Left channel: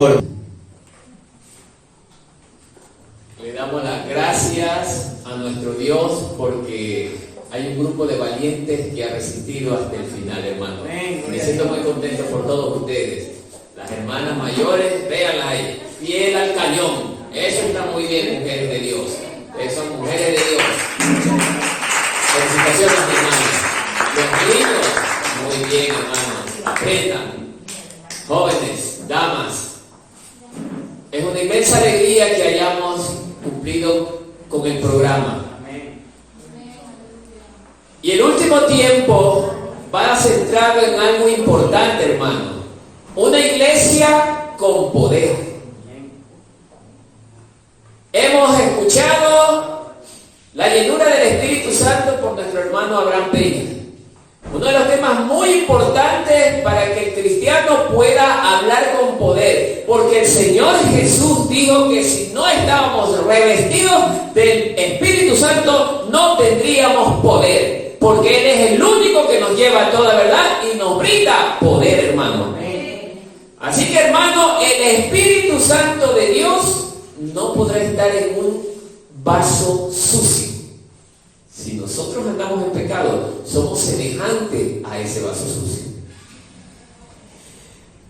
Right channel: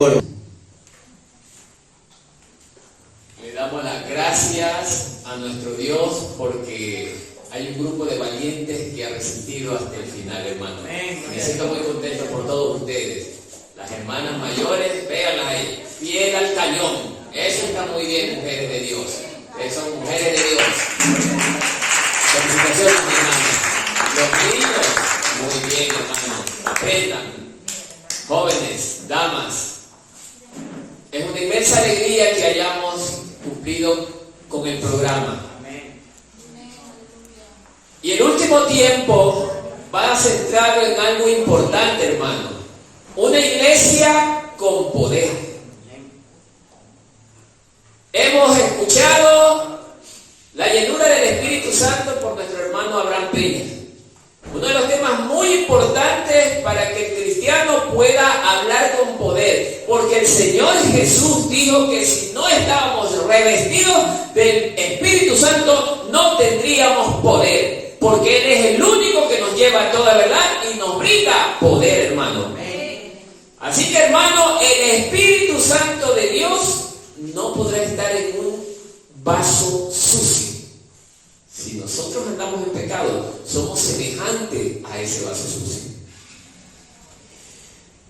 Le damos las gracias a nuestro Dios porque hay un grupo de valientes que ha resistido hasta el final, hermano. Me siento muy contento por todos ustedes. Las hermanas mayores, véanlas ahí, fiel al cañón. Eso está muy bien, mujeres de Dios. Ustedes son mujeres de Dios. Felicitaciones, hermanos. Los niños, muy bien, hermano. Aprendan. Jóvenes, damas. Es una inmensa alegría que hayamos cumplido con el programa. Y el último tiempo va centrado en algo importante, hermano. Una iglesia con poder. Hemos escuchado la llenura del Espíritu Santo por nuestro hermano Abraham Peña. Uno de los temas muy importantes para que el cristiano pueda hablar con poder, porque el Señor Jesús dijo que si no estábamos revestidos del Espíritu Santo no tendríamos poder, porque Él es el único que nos lleva a toda verdad y nos brinda poder, hermano. Así que, hermano, el Espíritu Santo de Dios no podrá estar en un vaso sucio. Si nosotros andamos en pecado, somos semejantes a ese vaso sucio.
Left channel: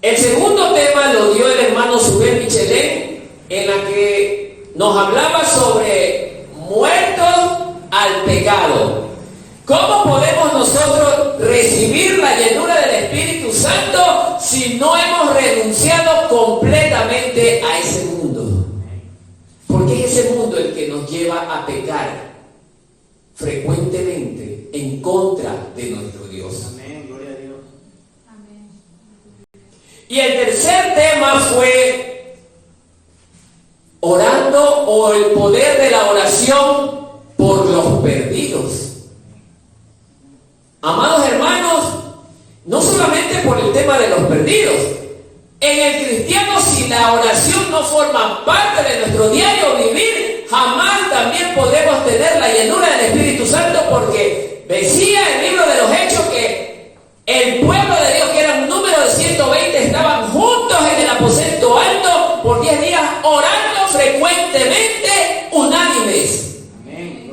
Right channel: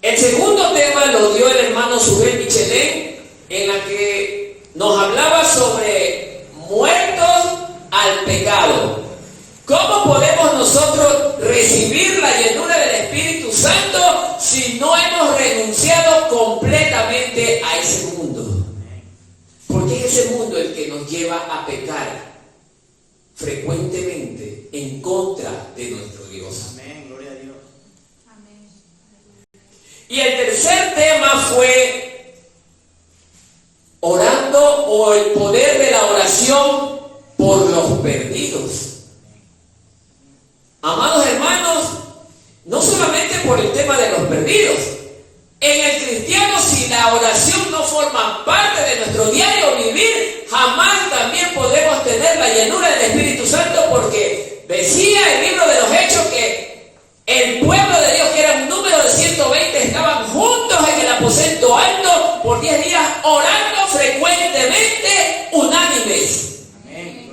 El segundo tema lo dio el hermano Subén Michelén, en la que nos hablaba sobre muertos al pecado. ¿Cómo podemos nosotros recibir la llenura del Espíritu Santo si no hemos renunciado completamente a ese mundo? Porque es ese mundo el que nos lleva a pecar frecuentemente en contra de nuestro Dios. Amén, gloria a Dios. Amén. Y el tercer tema fue orando o el poder de la oración por los perdidos. Amados hermanos, no solamente por el tema de los perdidos. En el cristiano, si la oración no forma parte de nuestro diario vivir, jamás también podremos tener la llenura del Espíritu Santo, porque decía el libro de los Hechos que el pueblo de Dios, que era un número de 120, estaban juntos en el aposento alto por 10 días, orando frecuentemente, unánimes.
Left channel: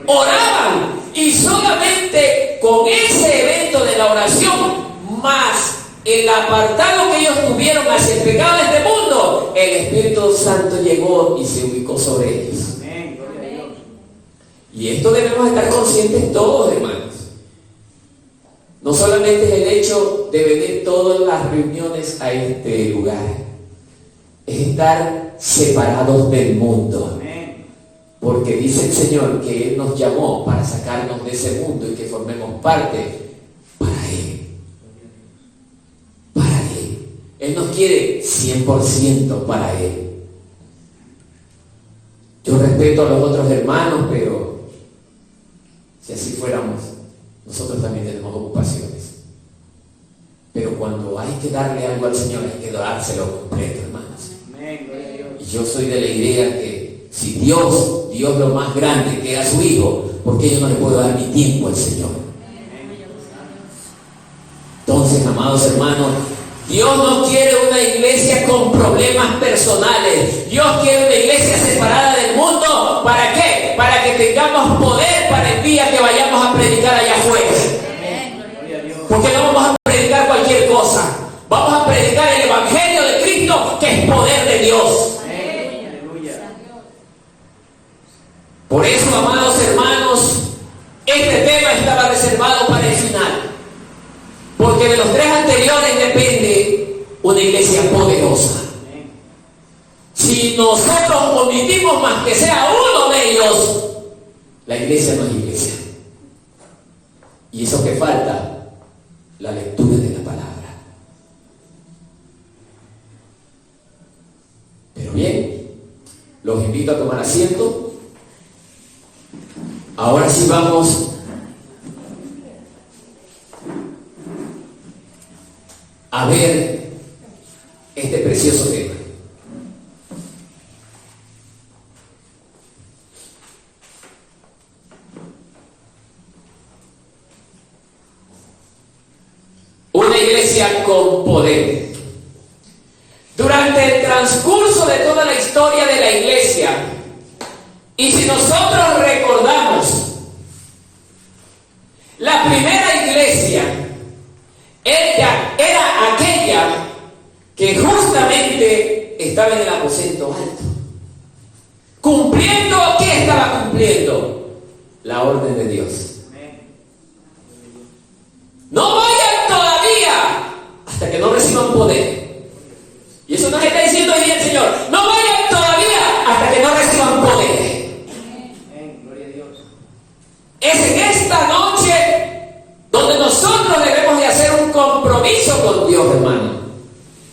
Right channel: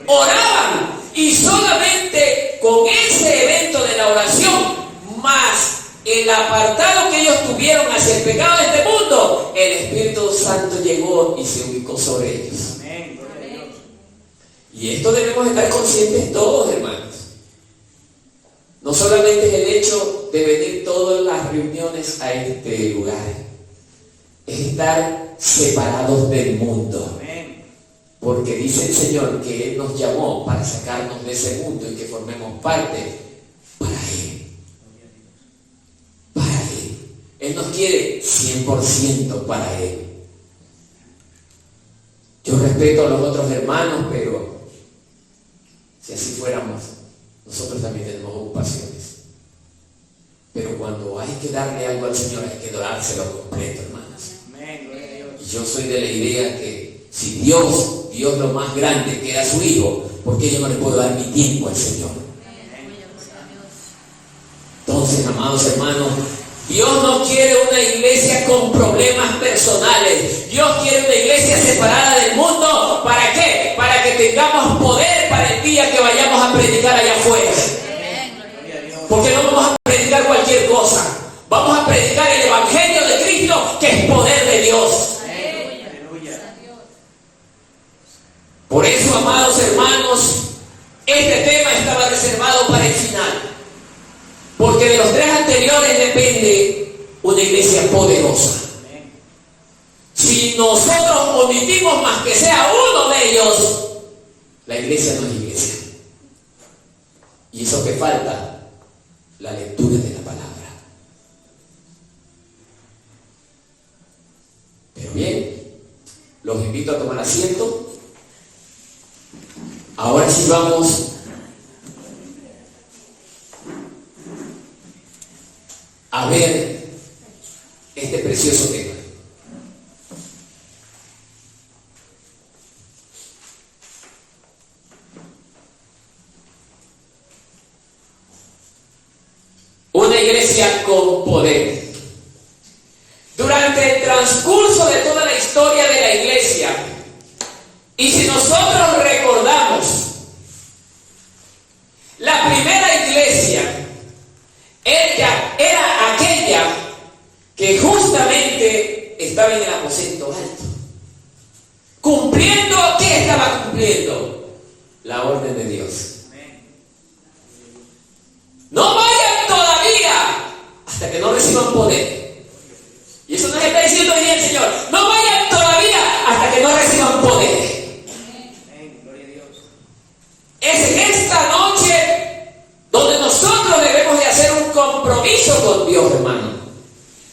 Oraban, y solamente con ese evento de la oración, más el apartado que ellos tuvieron hacia el pecado de este mundo, el Espíritu Santo llegó y se ubicó sobre ellos. Amén, gloria a Dios. Y esto debemos estar conscientes todos, hermanos. No solamente es el hecho de venir todas las reuniones a este lugar, es estar separados del mundo. Amén. Porque dice el Señor que Él nos llamó para sacarnos de ese mundo y que formemos parte para Él. Él nos quiere 100% para Él. Yo respeto a los otros hermanos, pero si así fuéramos, nosotros también tenemos ocupaciones. Pero cuando hay que darle algo al Señor, hay que dárselo completo, hermanos. Amén, gloria a Dios. Y yo soy de la idea que si Dios lo más grande, que era su Hijo, ¿por qué yo no le puedo dar mi tiempo al Señor? Entonces, amados hermanos, Dios no quiere una iglesia con problemas personales. Dios quiere una iglesia separada del mundo. ¿Para qué? Para que tengamos poder para el día que vayamos a predicar allá afuera. Porque no vamos a predicar cualquier cosa. Vamos a predicar el Evangelio de Cristo, que es poder de Dios. Por eso, amados hermanos, este tema estaba reservado para el final. Porque de los tres anteriores depende una iglesia poderosa. Si nosotros omitimos más que sea uno de ellos, la iglesia no es iglesia. Y eso que falta, la lectura de la palabra. Pero bien, los invito a tomar asiento. Ahora sí vamos a ver este precioso tema. Una iglesia con poder. durante el transcurso de toda la historia de la iglesia, y si nosotros recordamos, la primera iglesia era aquella que justamente estaba en el aposento alto. Cumpliendo, ¿qué estaba cumpliendo? La orden de Dios. No vayan todavía hasta que no reciban poder. Y eso nos está diciendo hoy el Señor. No vayan todavía hasta que no reciban poder. Es en esta noche donde nosotros debemos de hacer un compromiso con Dios, hermano.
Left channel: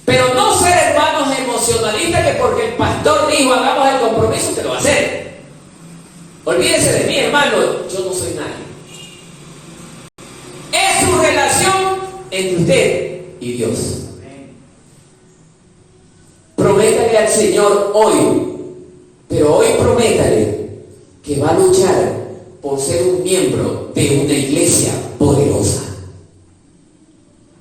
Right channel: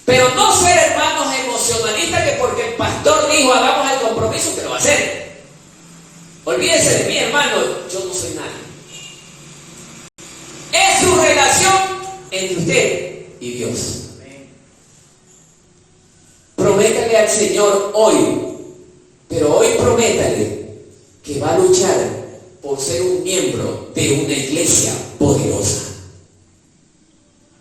Pero no ser hermanos emocionalistas que porque el pastor dijo hagamos el compromiso, que lo va a hacer. Olvídese de mí, hermano, yo no soy nadie. Es su relación entre usted y Dios. Prométale al Señor hoy, pero hoy prométale que va a luchar por ser un miembro de una iglesia poderosa.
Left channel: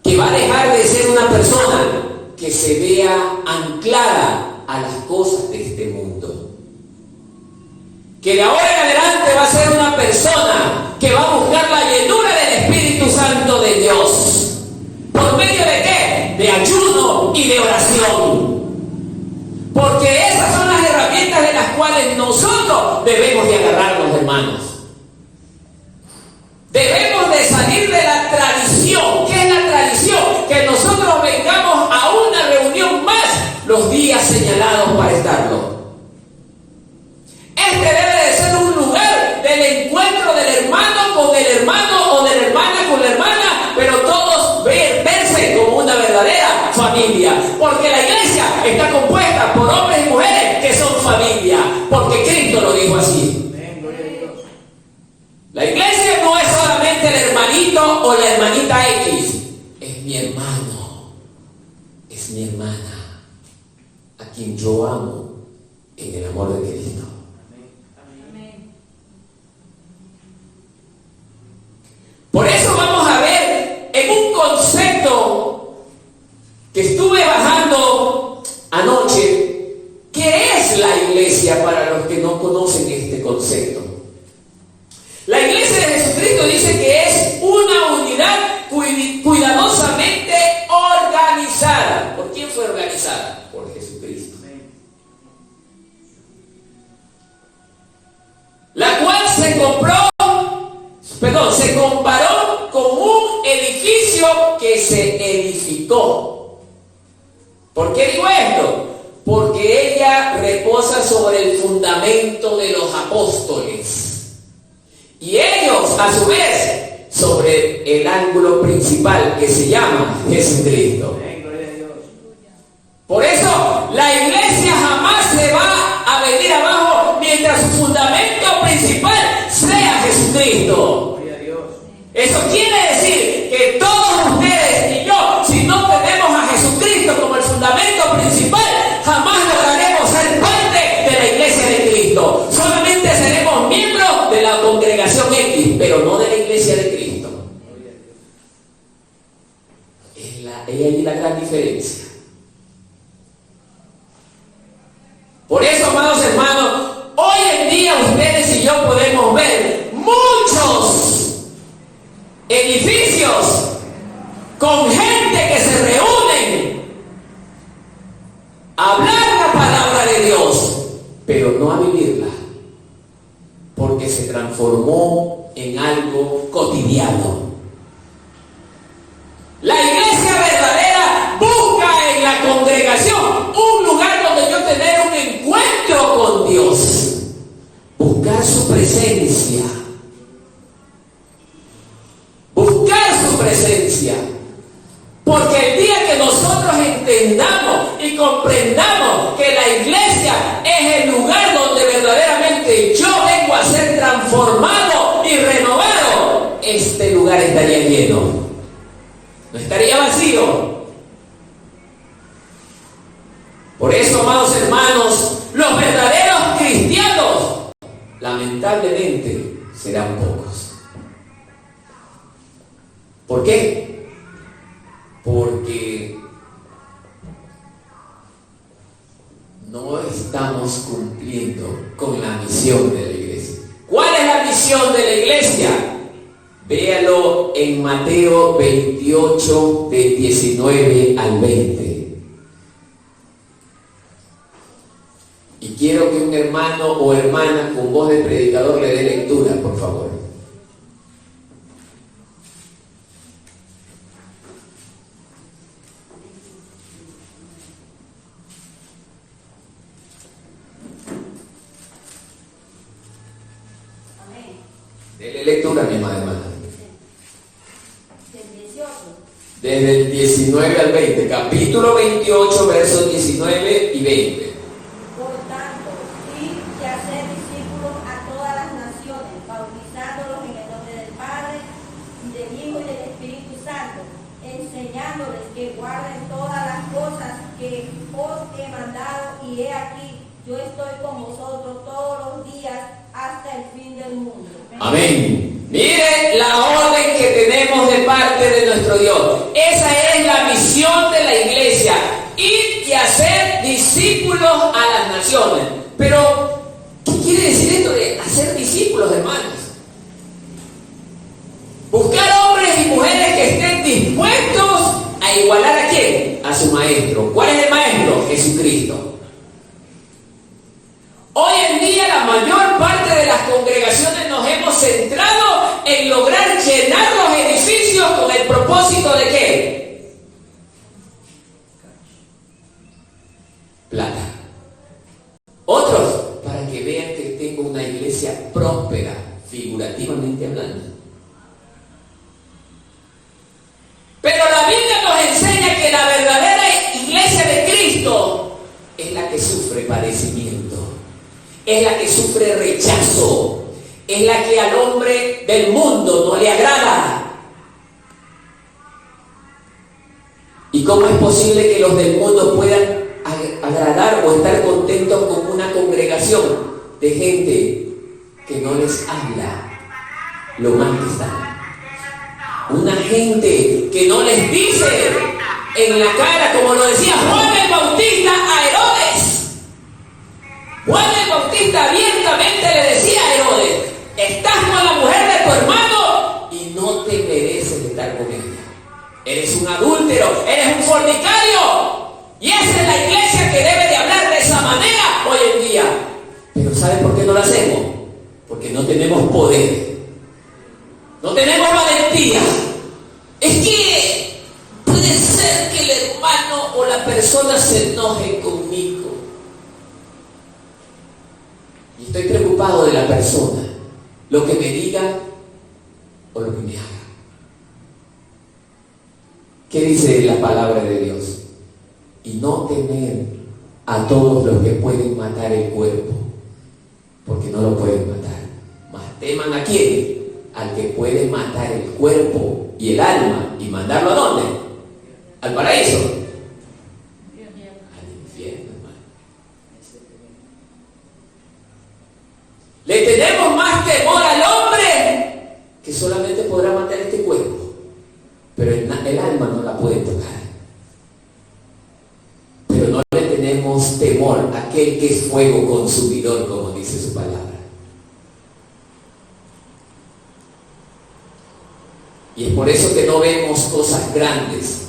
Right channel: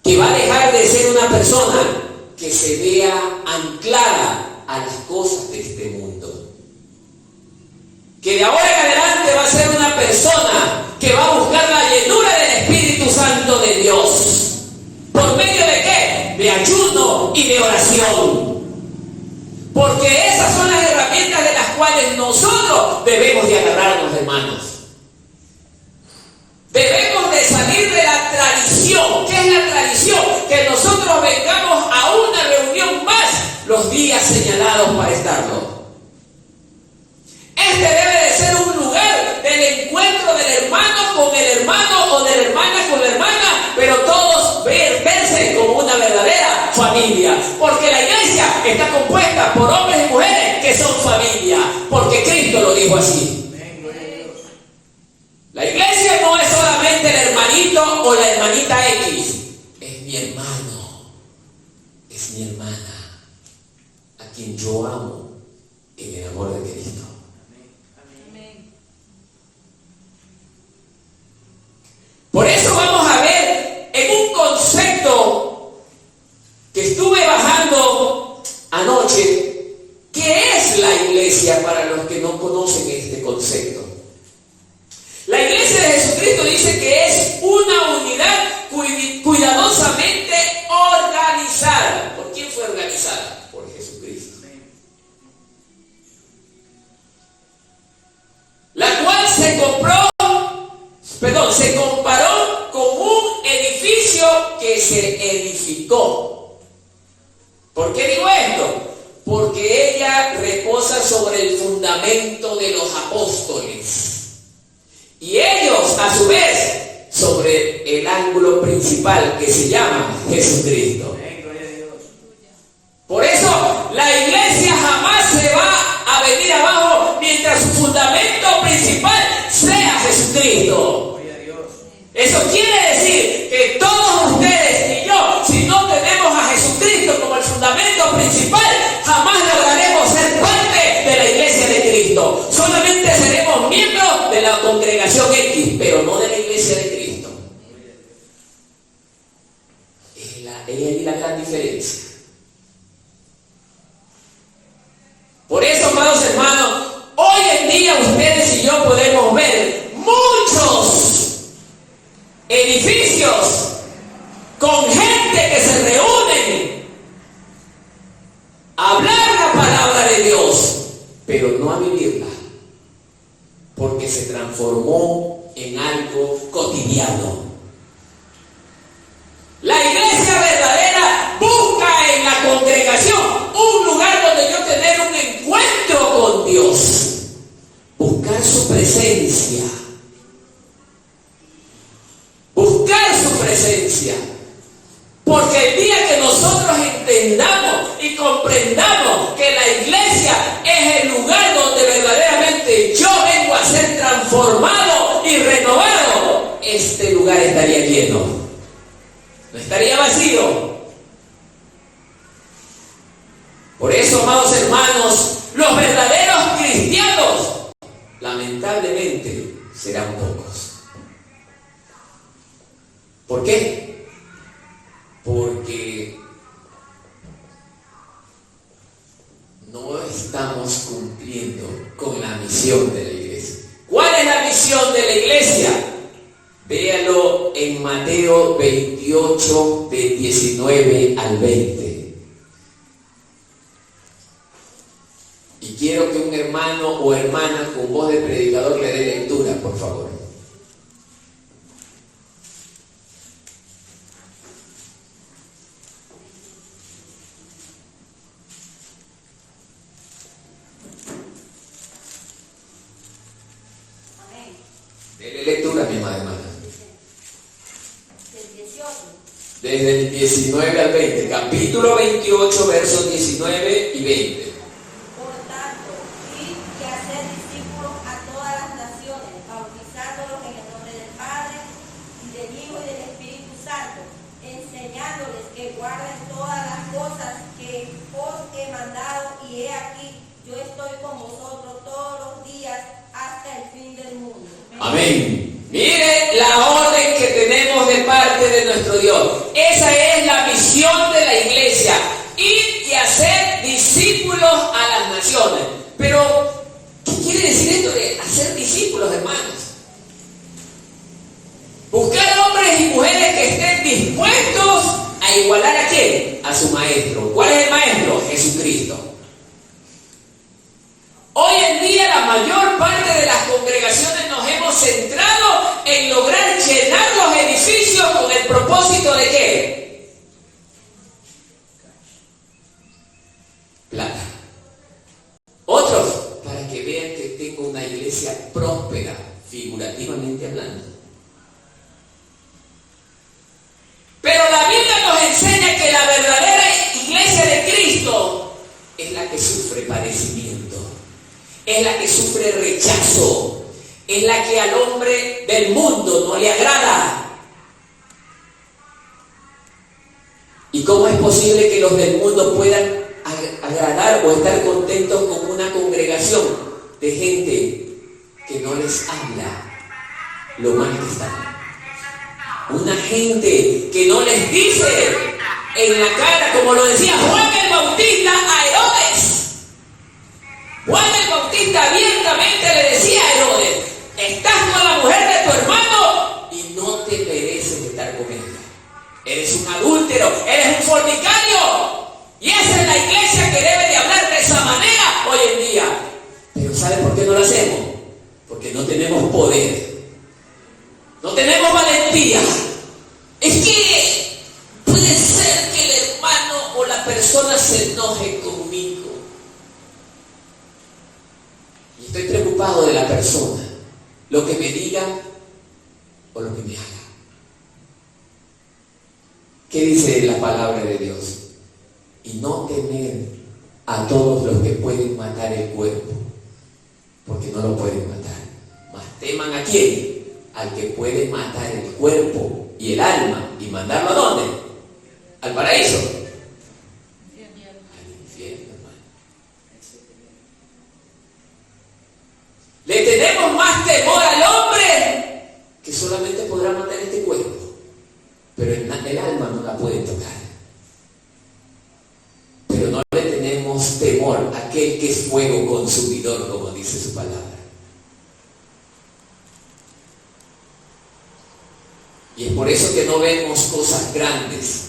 Que va a dejar de ser una persona que se vea anclada a las cosas de este mundo. Que de ahora en adelante va a ser una persona que va a buscar la llenura del Espíritu Santo de Dios. ¿Por medio de qué? De ayuno y de oración. Porque esas son las herramientas de las cuales nosotros debemos de agarrarnos, hermanos. Debemos de salir de la tradición. ¿Qué es la tradición? Que nosotros vengamos a una reunión más los días señalados para estarlo. Este debe de ser un lugar del encuentro del hermano con el hermano o de la hermana con la hermana, pero todos verse como una verdadera familia. Porque la iglesia está compuesta por hombres y mujeres que son familia. Porque Cristo lo dijo así. La iglesia no es solamente el hermanito o la hermanita X. Es mi hermano. Es mi hermana. A quien yo amo en el amor de Cristo. Por eso vamos a ver en un concepto que estuve bajando anoche, ¿qué es la iglesia para los que no conocen este concepto? La iglesia de Jesucristo dice que es una unidad cuidadosamente organizada. ¿Por quién fue organizada? Por Jesucristo. La cual se comparó con un edificio que se edificó. ¿Por qué digo esto? Porque ella reposa sobre el fundamento de los apóstoles. Y ellos, a su vez, sobre el ángulo principal que se llama Jesucristo. Por eso, la iglesia jamás se va a venir abajo mientras su fundamento principal sea Jesucristo. Eso quiere decir que todos ustedes y yo, si no tenemos a Jesucristo como el fundamento principal, jamás lograremos ser parte de la iglesia de Cristo. Solamente seremos miembros de la congregación X, pero no de la iglesia de Cristo. Es ahí la gran diferencia. Por eso, amados hermanos, hoy en día ustedes y yo podemos ver muchos edificios con gente que se reúnen a hablar la palabra de Dios, pero no a vivirla, porque se transformó en algo cotidiano. La iglesia verdadera busca en la congregación un lugar donde yo tener un encuentro con Dios, buscar su presencia. Porque el día que nosotros entendamos y comprendamos que la iglesia es el lugar donde verdaderamente yo vengo a ser transformado y renovado, este lugar estaría lleno, no estaría vacío. Por eso, amados hermanos, los verdaderos cristianos lamentablemente serán pocos. ¿Por qué? Porque estamos cumpliendo con la misión de la iglesia. ¿Cuál es la misión de la iglesia? Véalo en Mateo 28, del 19 al 20. Y quiero que un hermano o hermana con voz de predicador le dé lectura, por favor. Dele lectura, mi hermana. Desde el 19 al 20, capítulo 28, versos 19 y 20. Por tanto, id y hacer discípulos a todas las naciones, bautizándolos en el nombre del Padre, y del Hijo y del Espíritu Santo, enseñándoles que guarden todas las cosas que os he mandado, y he aquí, yo estoy con vosotros todos los días hasta el fin del mundo. Amén. Miren la orden que tenemos de parte de nuestro Dios. Esa es la misión de la iglesia. Ir y hacer discípulos a las naciones. Pero, ¿qué quiere decir esto de hacer discípulos, hermanos? Buscar hombres y mujeres que estén dispuestos a igualar ¿a quién? A su maestro. ¿Cuál es el maestro? Jesucristo. Hoy en día la mayor parte de las congregaciones nos hemos centrado en lograr llenar los edificios con el propósito de ¿qué? Plata. Otros, para que vean que tengo una iglesia próspera, figurativamente hablando. Pero la Biblia nos enseña que la verdadera iglesia de Cristo es la que sufre padecimiento. Es la que sufre rechazo, es la que al hombre del mundo no le agrada. ¿Y cómo es posible que los del mundo puedan agradar o estar contentos con una congregación de gente que no les habla lo mal que están? Una gente que no les dice en la cara, como lo decía Juan el Bautista a Herodes. Juan el Bautista abiertamente le decía a Herodes: estás con la mujer de tu hermano y no te mereces estar con ella. Eres un adúltero, eres un fornicario. Y esa es la iglesia que debe de hablar de esa manera hoy en día. Pero ¿saben por qué no lo hacemos? Porque no tenemos poder. No tenemos valentía. Es que puede ser que el hermano o la persona se enoje conmigo. Y estoy preocupado de la persona, lo que me diga o lo que me haga. ¿Qué dice la palabra de Dios? Y no temer a todos los que pueden matar el cuerpo, porque no lo pueden matar. Mas teman ¿a quién? Al que puede matar el cuerpo y el alma y mandarlo ¿a dónde? Al paraíso. Al infierno, hermano. Le tenemos más temor al hombre que solamente podrá matar este cuerpo, pero el alma no la puede tocar. Pero no le tenemos temor a aquel que es fuego consumidor, como dice su palabra. Y es por eso que no vemos cosas grandes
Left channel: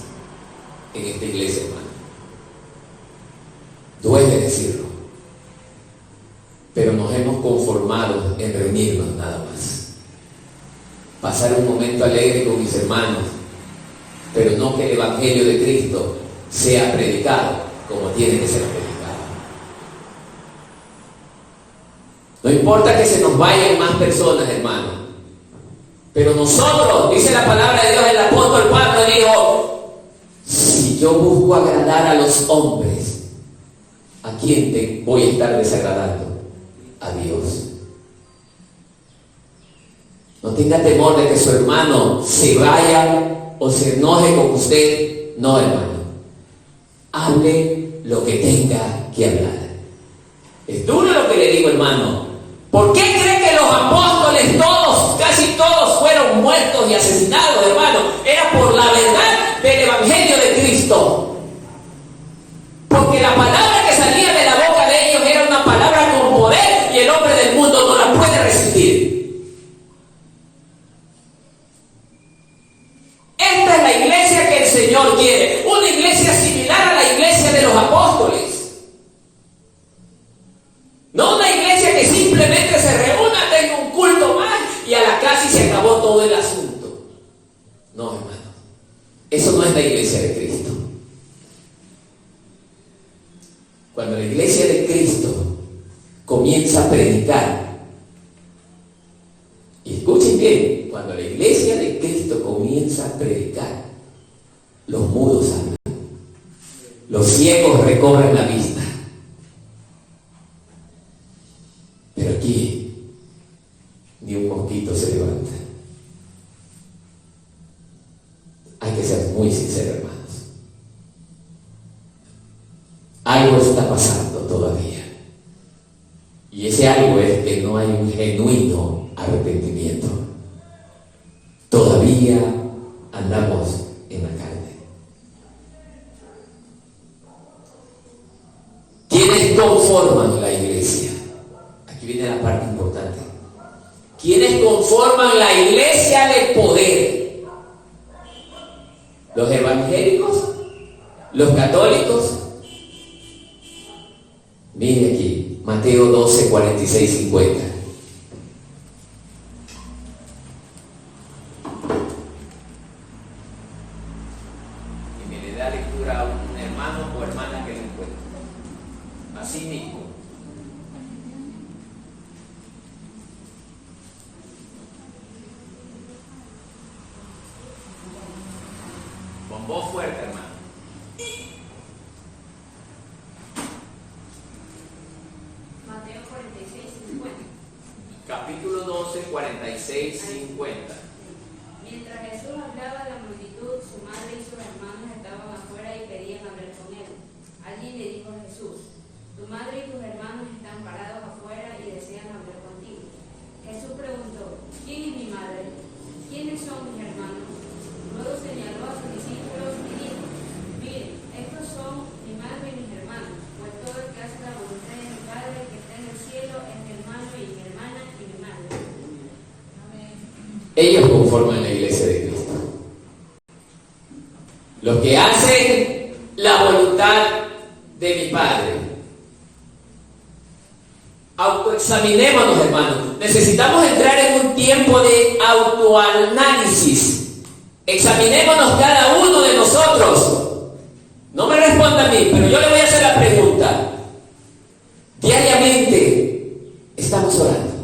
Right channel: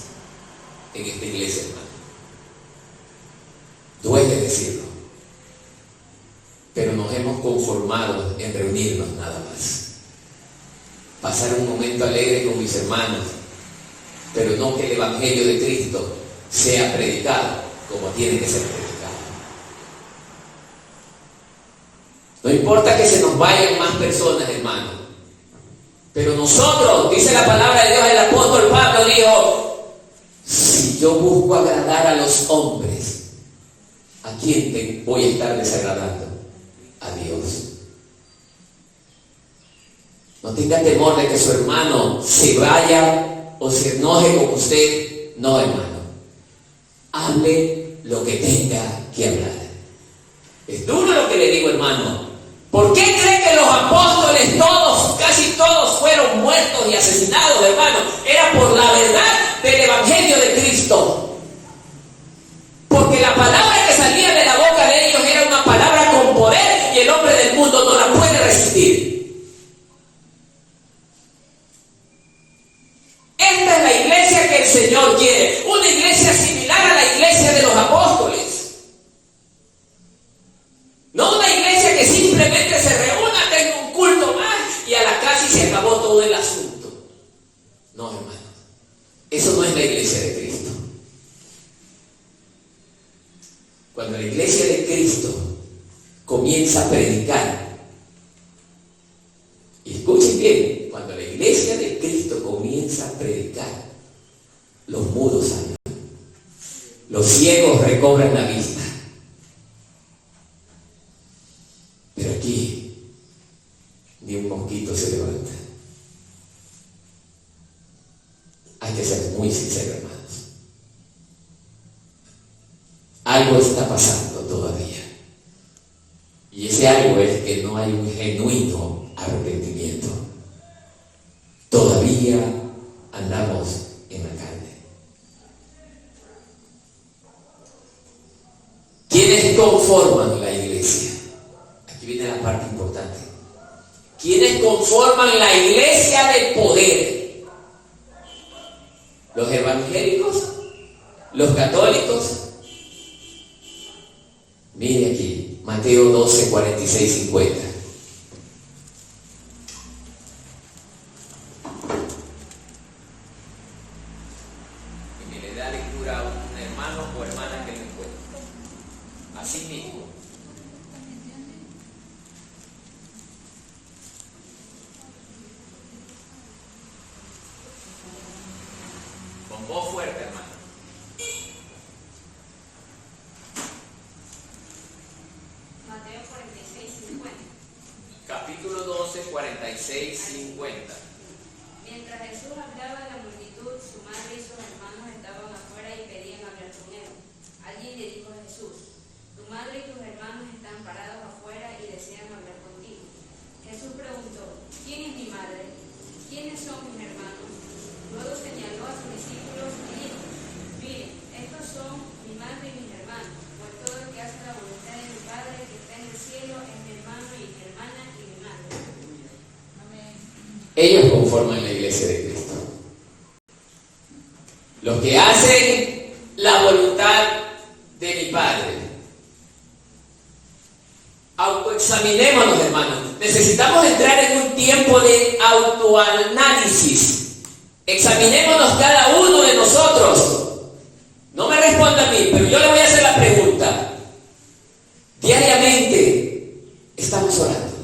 en esta iglesia, hermano. Duele decirlo, pero nos hemos conformado en reunirnos nada más. Pasar un momento alegre con mis hermanos, pero no que el Evangelio de Cristo sea predicado como tiene que ser predicado. No importa que se nos vayan más personas, hermano, pero nosotros, dice la palabra de Dios, el apóstol Pablo dijo: si yo busco agradar a los hombres, ¿a quién te voy a estar desagradando? A Dios. No tenga temor de que su hermano se vaya o se enoje con usted. No, hermano. Hable lo que tenga que hablar. Es duro lo que le digo, hermano. ¿Por qué cree que los apóstoles todos, casi todos, fueron muertos y asesinados, hermano? Era por la verdad del Evangelio de Cristo. Porque la palabra que salía de la boca de ellos Eso no es la iglesia de Cristo. Cuando la iglesia de Cristo comienza a predicar, y escuchen bien, cuando la iglesia de Cristo comienza a predicar, los mudos hablan, los ciegos recobran la vista. Pero aquí ni un mosquito se levanta. Hay que ser muy sinceros, hermanos. Algo está pasando todavía. Y ese algo es que no hay un genuino arrepentimiento. Todavía andamos en la carne. ¿Quiénes conforman la iglesia? Aquí viene la parte importante. ¿Quiénes conforman la iglesia de poder? ¿Los evangélicos? ¿Los católicos? Mire aquí, Mateo 12, 46, 50. Y me le da lectura a un hermano o hermana que lo encuentre. Así mismo. Con voz fuerte, hermano. Mateo 46, 50. Capítulo 12, 46, 50. Mientras Jesús hablaba a la multitud, su madre y sus hermanos estaban afuera y querían hablar con él. Allí le dijo Jesús: tu madre y tus hermanos están parados afuera y desean hablar contigo. Jesús preguntó: ¿quién es mi madre? ¿Quiénes son mis hermanos? Luego señaló a sus discípulos y dijo: miren, estos son mi madre y mis hermanos, pues todo el que hace la voluntad de mi Padre que está en el cielo es mi hermano y mi hermana y mi madre. Ellos conforman la iglesia de Cristo. Los que hacen la voluntad de mi Padre. Autoexaminémonos, hermanos. Necesitamos entrar en un tiempo de autoanálisis. Examinémonos cada uno de nosotros. No me responda a mí, pero yo le voy a hacer la pregunta. Diariamente estamos orando.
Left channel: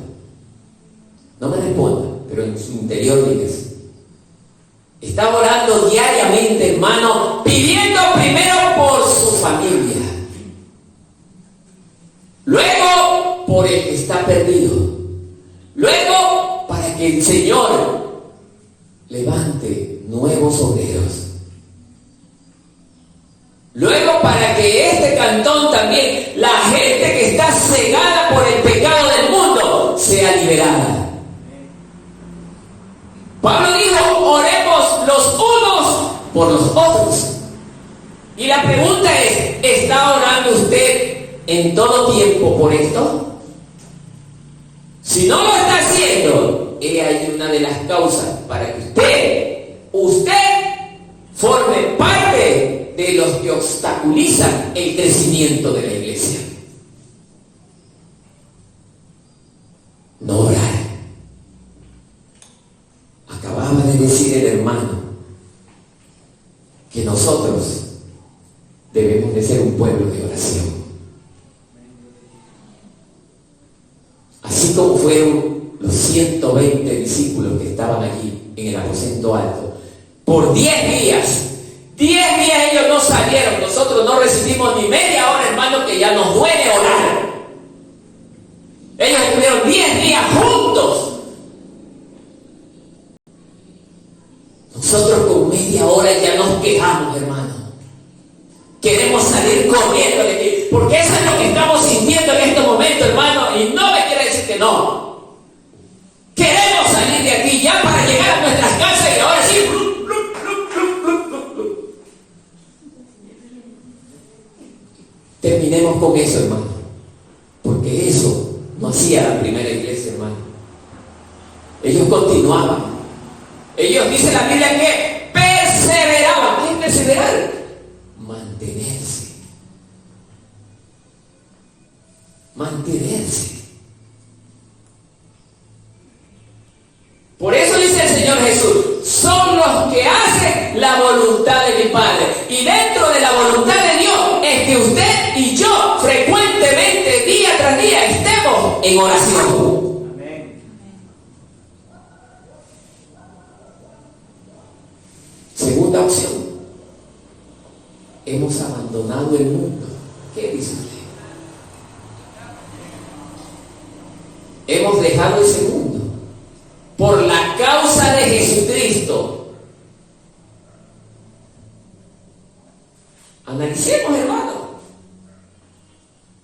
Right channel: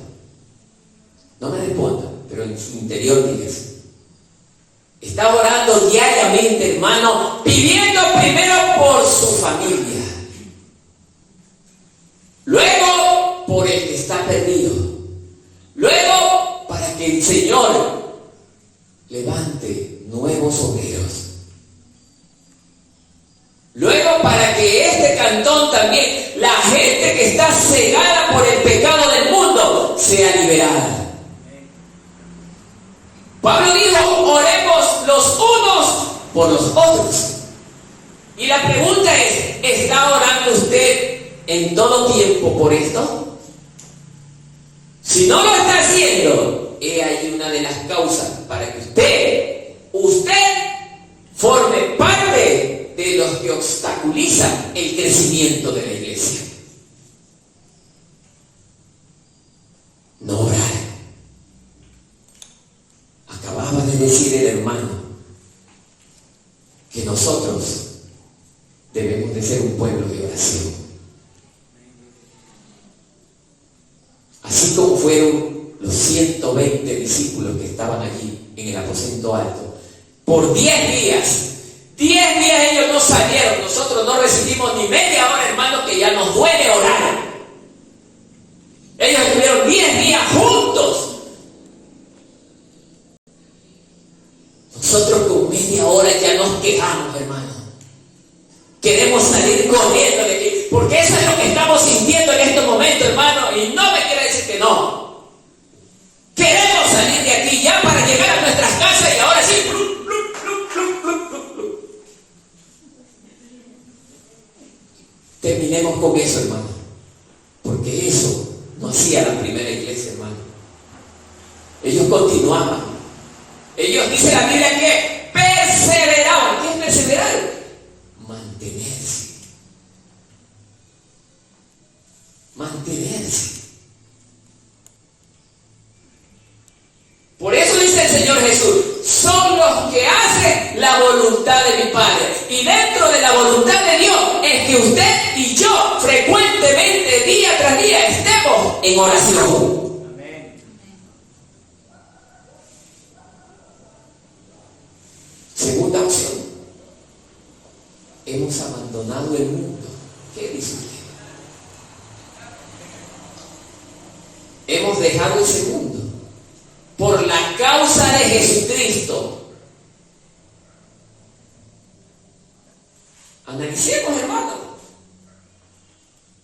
No me responda, pero en su interior digas. Está orando diariamente, hermano, pidiendo primero por su familia. Luego por el que está perdido. Luego para que el Señor levante nuevos obreros. Luego para que este cantón también, la gente que está cegada por el pecado del mundo, sea liberada. Pablo dijo: oremos los unos por los otros. Y la pregunta es: ¿está orando usted en todo tiempo por esto? Si no lo está haciendo, he ahí una de las causas para que usted forme parte de los que obstaculizan el crecimiento de la iglesia. No orar. Acababa de decir el hermano que nosotros debemos de ser un pueblo de oración. Así como fueron los 120 discípulos que estaban allí en el aposento alto, por 10 días ellos no salieron. Nosotros no resistimos ni media hora, hermano, que ya nos duele orar. Ellos estuvieron 10 días juntos. Nosotros con media hora ya nos quejamos, hermano. Queremos salir corriendo de aquí, porque eso es lo que estamos sintiendo en este momento, hermano, y no me quiere decir que no. Queremos salir de aquí ya para llegar a nuestras casas y ahora sí. Terminemos con eso, hermano, porque eso no hacía la primera iglesia, hermano. Ellos continuaban. Ellos, dice la Biblia, que perseveraban. ¿Qué es perseverar? Mantenerse. Mantenerse. Por eso dice el Señor Jesús: son los que hacen la voluntad de mi Padre. Y dentro de la voluntad de Dios es que usted y yo frecuentemente, día tras día, estemos en oración. Amén. Segunda opción. Hemos abandonado el mundo. ¿Qué dice usted? Hemos dejado ese mundo por la causa de Jesucristo. Analicemos, hermano.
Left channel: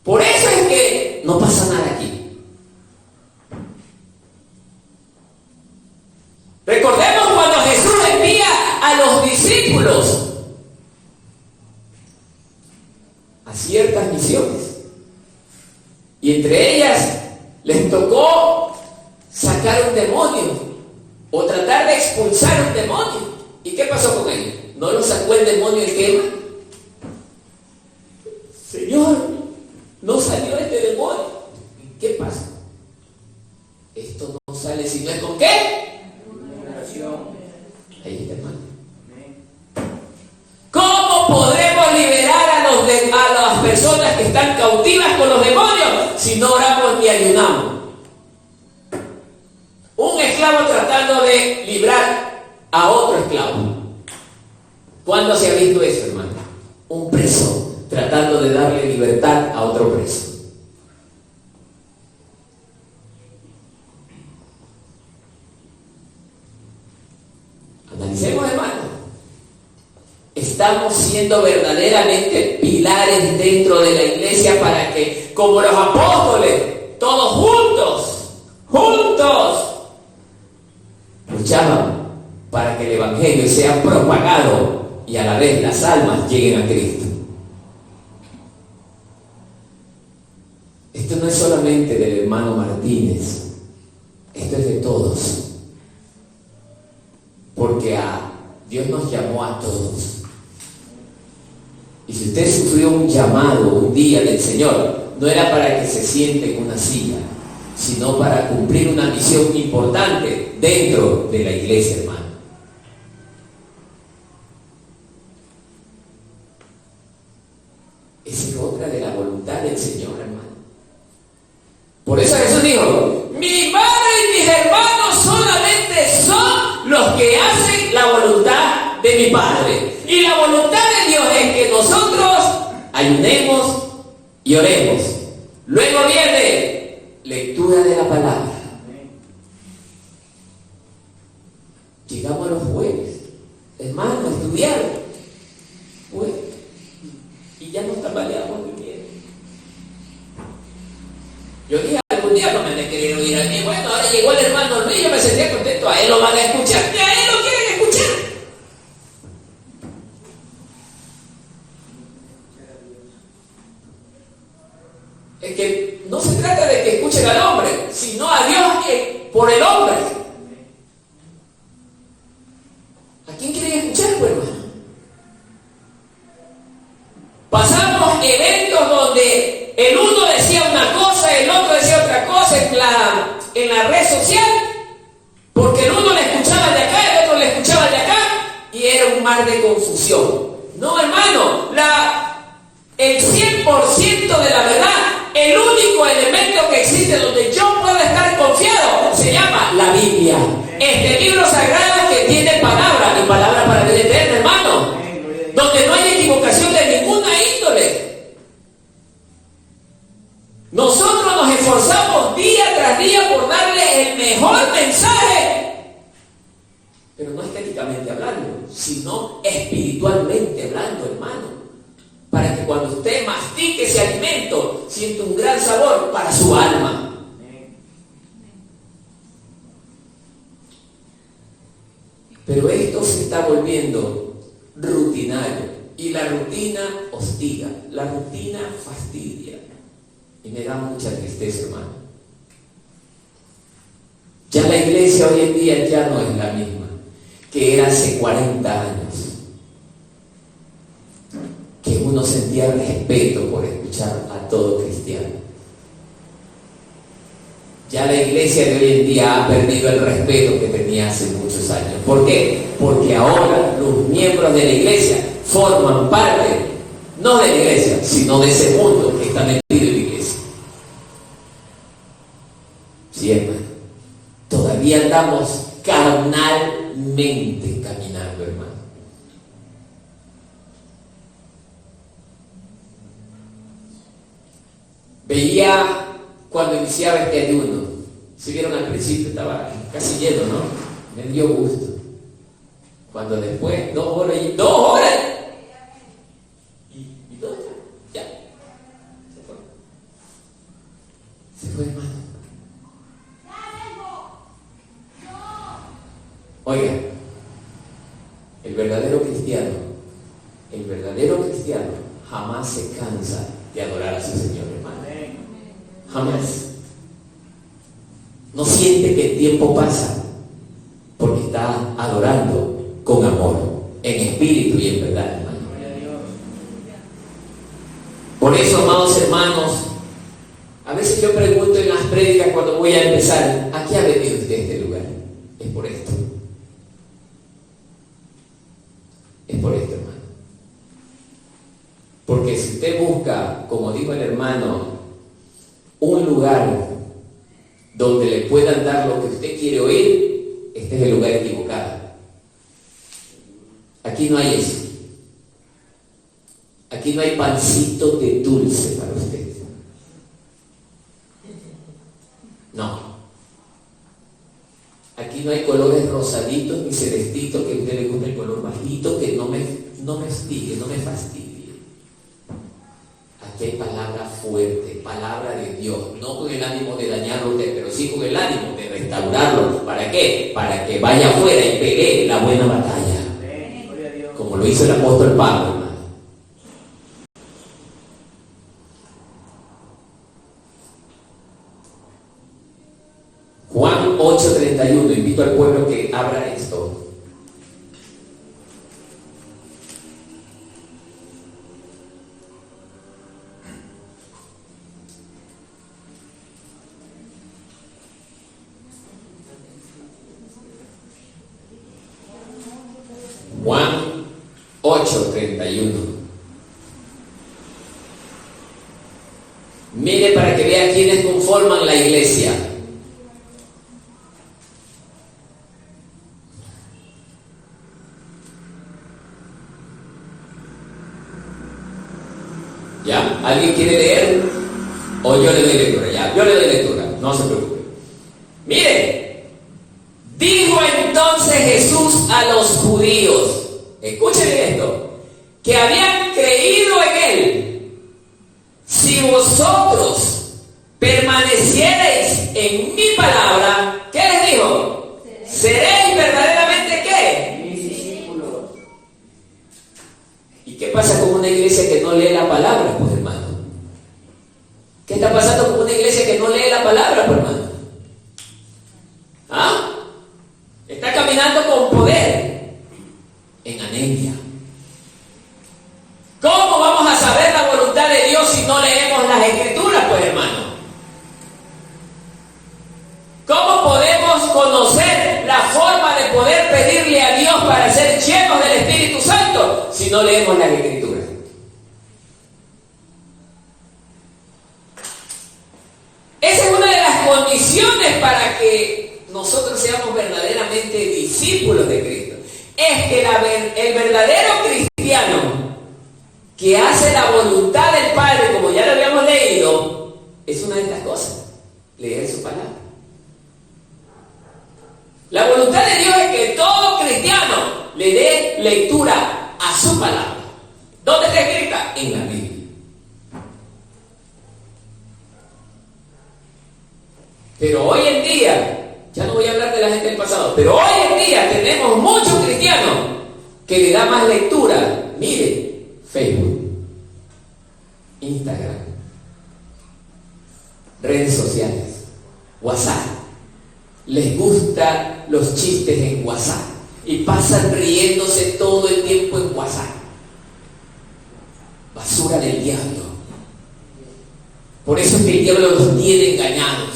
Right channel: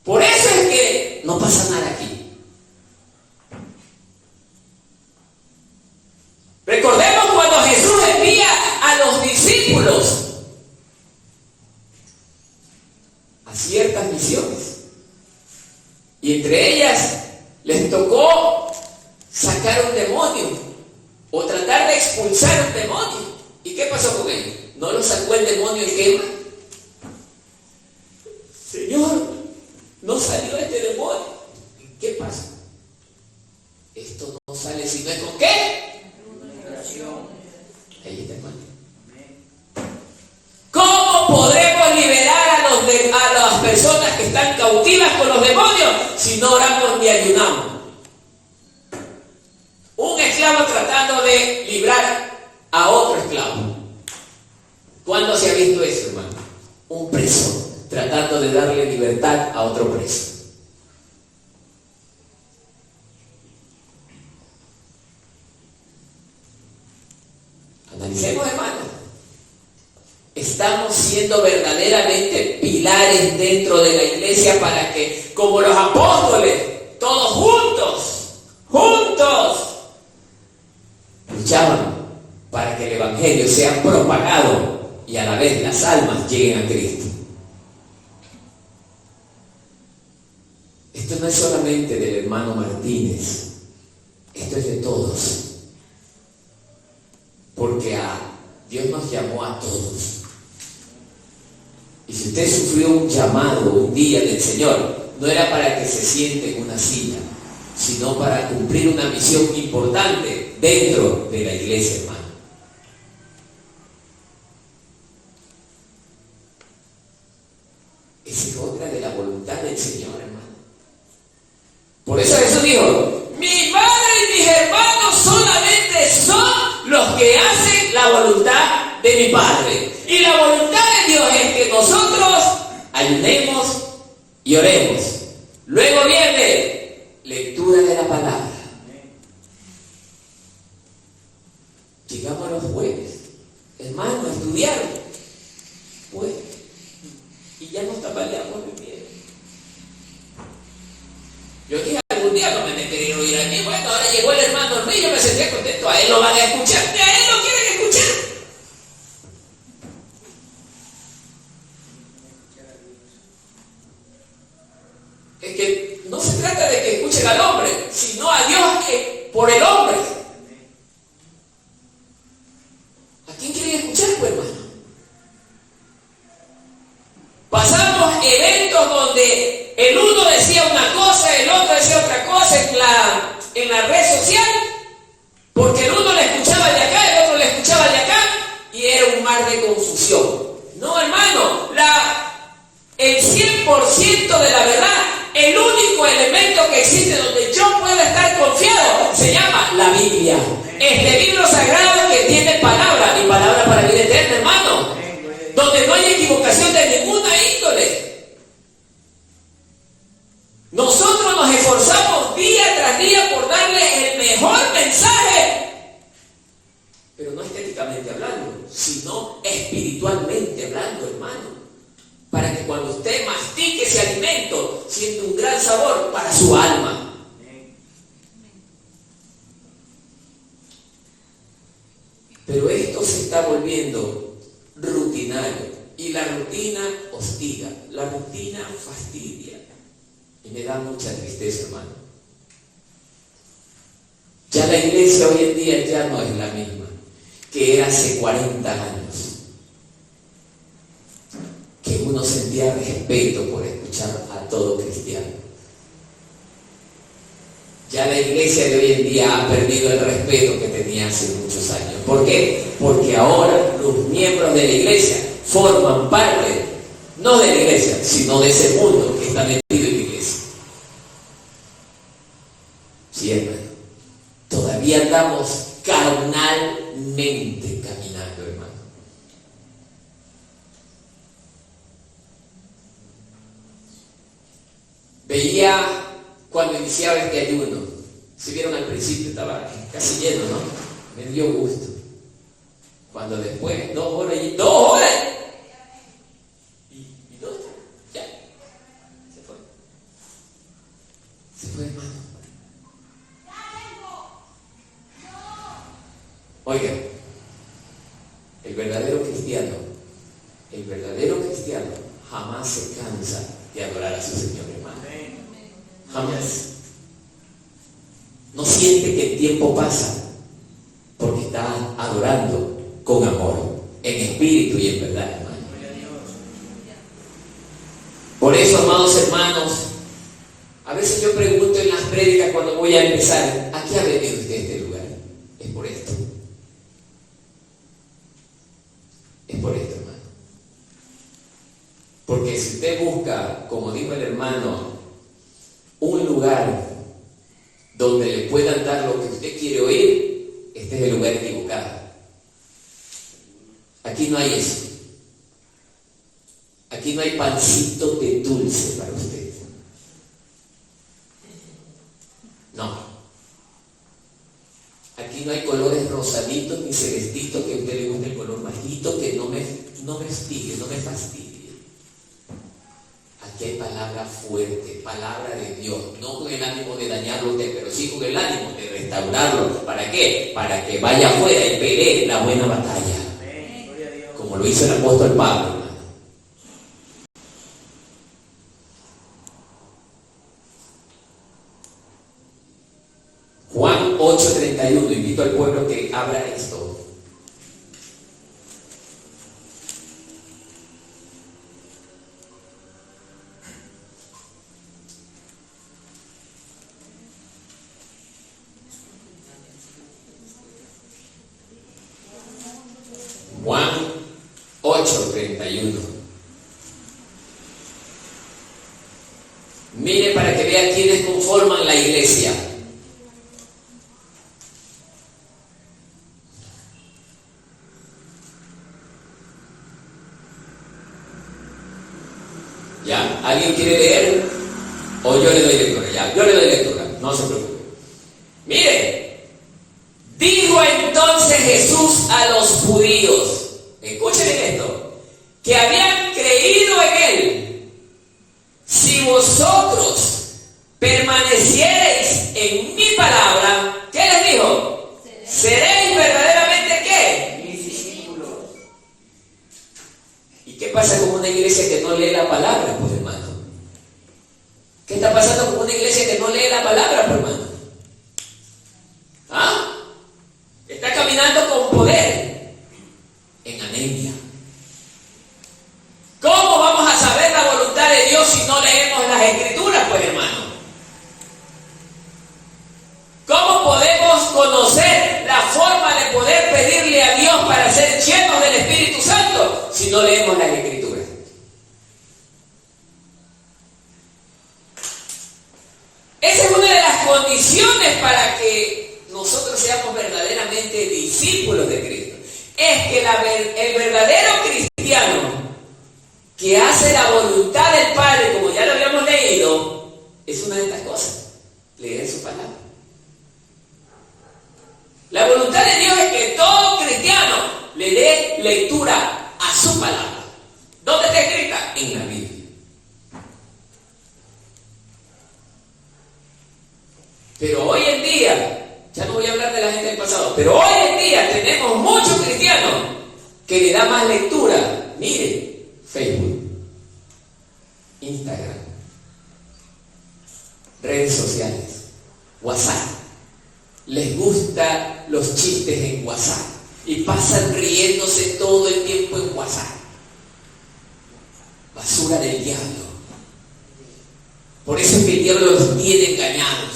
Por eso es que no pasa nada aquí. Recordemos cuando Jesús envía a los discípulos a ciertas misiones. Y entre ellas les tocó sacar un demonio o tratar de expulsar un demonio. ¿Y qué pasó con ellos? ¿No lo sacó el demonio en quema? Señor, no salió este demonio. ¿Y qué pasa? Esto no sale si no es con qué. Oración. Ahí está, hermano. Amén. ¿Cómo podremos liberar a las personas que están cautivas con los demonios si no oramos ni ayunamos? Un esclavo tratando de librar a otro esclavo. ¿Cuándo se ha visto eso, hermano? Un preso tratando de darle libertad a otro preso. Analicemos, hermano. Estamos siendo verdaderamente pilares dentro de la iglesia para que, como los apóstoles, todos juntos, luchaban para que el evangelio sea propagado y a la vez las almas lleguen a Cristo. Esto no es solamente del hermano Martínez, esto es de todos, porque Dios nos llamó a todos. Y si usted sufrió un llamado un día del Señor, no era para que se siente en una silla, sino para cumplir una misión importante dentro de la iglesia, hermano. Esa es otra de la voluntad del Señor, hermano. Por eso Jesús dijo: mi madre y mis hermanos solamente son los que hacen la voluntad de mi Padre. Y la voluntad de Dios es que nosotros ayunemos y oremos. Luego viene lectura de la palabra. Llegamos a los jueves, hermano, a estudiar. Pues, y ya nos tambaleamos muy bien. Yo dije algún día no me quería oír a mí. Bueno, ahora llegó el hermano Luis, yo me sentía contento. A él lo van a escuchar, que a él lo quieren escuchar. Es que no se trata de que escuchen al hombre, sino a Dios por el hombre. ¿A quién quieren escuchar, pues, hermano? Pasamos eventos donde el uno decía una cosa, el otro decía otra cosa en la red social, porque el uno le escuchaba de acá, el otro le escuchaba de acá, y era un mar de confusión. No, hermano, el 100% de la verdad, el único elemento que existe donde yo puedo estar confiado, se llama la Biblia. Este libro sagrado que tiene palabra, y palabra para vida eterna, hermano, donde no hay equivocación de ninguna índole. Nosotros nos esforzamos día tras día por darle el mejor mensaje, pero no estéticamente hablando, sino espiritualmente hablando, hermano, para que cuando usted mastique ese alimento sienta un gran sabor para su alma. Pero esto se está volviendo rutinario, y la rutina hostiga, la rutina fastidia, y me da mucha tristeza, hermano. Ya la iglesia hoy en día ya no es la misma que era hace 40 años, que uno sentía respeto por escuchar a todo cristiano. Ya la iglesia de hoy en día ha perdido el respeto que tenía hace muchos años. ¿Por qué? Porque ahora los miembros de la iglesia forman parte, no de la iglesia, sino de ese mundo que está metido en la iglesia. Sí, hermano. Todavía andamos carnalmente caminando, hermano. Veía cuando iniciaba este ayuno, si vieron al principio estaba casi lleno, ¿no? Me dio gusto. Cuando después, 2 horas y 2 horas. ¿Y dónde está? Ya. Se fue. Se fue, hermano. Oiga, el verdadero cristiano jamás se cansa de adorar a su Señor, hermano. Jamás. No siente que el tiempo pasa porque está adorando con amor, en espíritu y en verdad, hermano. Por eso, amados hermanos, a veces yo pregunto en las prédicas cuando voy a empezar, ¿a qué ha venido usted a este lugar? Es por esto. Es por esto, hermano. Porque si usted busca, como dijo el hermano, un lugar donde le puedan dar lo que usted quiere oír, este es el lugar equivocado. Aquí no hay eso. Aquí no hay pancito de dulce para usted. No. Aquí no hay colores rosaditos ni celestitos que a usted le guste el color bajito, que no me hostigue, no me fastidie. Aquí hay palabra fuerte, palabra de Dios, no con el ánimo de dañarlo a usted, pero sí con el ánimo de restaurarlo. ¿Para qué? Para que vaya afuera y pelee la buena batalla. Como lo hizo el apóstol Pablo, hermano. Juan 8:31, invito al pueblo que abra esto. Juan 8:31. Mire para que vea quiénes conforman la iglesia. ¿Ya? ¿Alguien quiere leer? O yo le doy lectura. Ya, yo le doy lectura. No se preocupe. Mire, dijo entonces Jesús a los judíos, escuchen esto, que habían creído en él: si vosotros permanecierais en mi palabra, ¿qué les dijo? Seréis verdaderamente ¿qué? Mis discípulos. ¿Y qué pasa con una iglesia que no lee la palabra, pues, hermano? ¿Qué está pasando con una iglesia que no lee la palabra, pues, hermano? ¿Ah? Está caminando con poder en anemia. ¿Cómo vamos a saber la voluntad de Dios si no leemos las escrituras, pues, hermano? ¿Cómo podemos conocer la forma de poder pedirle a Dios para ser llenos del Espíritu Santo si no leemos las escrituras? Esa es una de las condiciones para que nosotros seamos verdaderamente discípulos de Cristo. Es que el verdadero cristiano que hace la voluntad del Padre, como ya lo habíamos leído, es una de estas cosas: leer su palabra. La voluntad de Dios es que todo cristiano le dé lectura a su palabra. ¿Dónde está escrita? En la Biblia. Pero hoy en día, ya no voy a hablar de la gente del pasado, pero hoy en día tenemos muchos cristianos que le dan más lectura. Mire, Facebook, Instagram, redes sociales, WhatsApp. Les gustan los chistes en WhatsApp y pasan riéndose todo el tiempo en WhatsApp. Basura del diablo. Por eso es que el diablo los tiene engañados.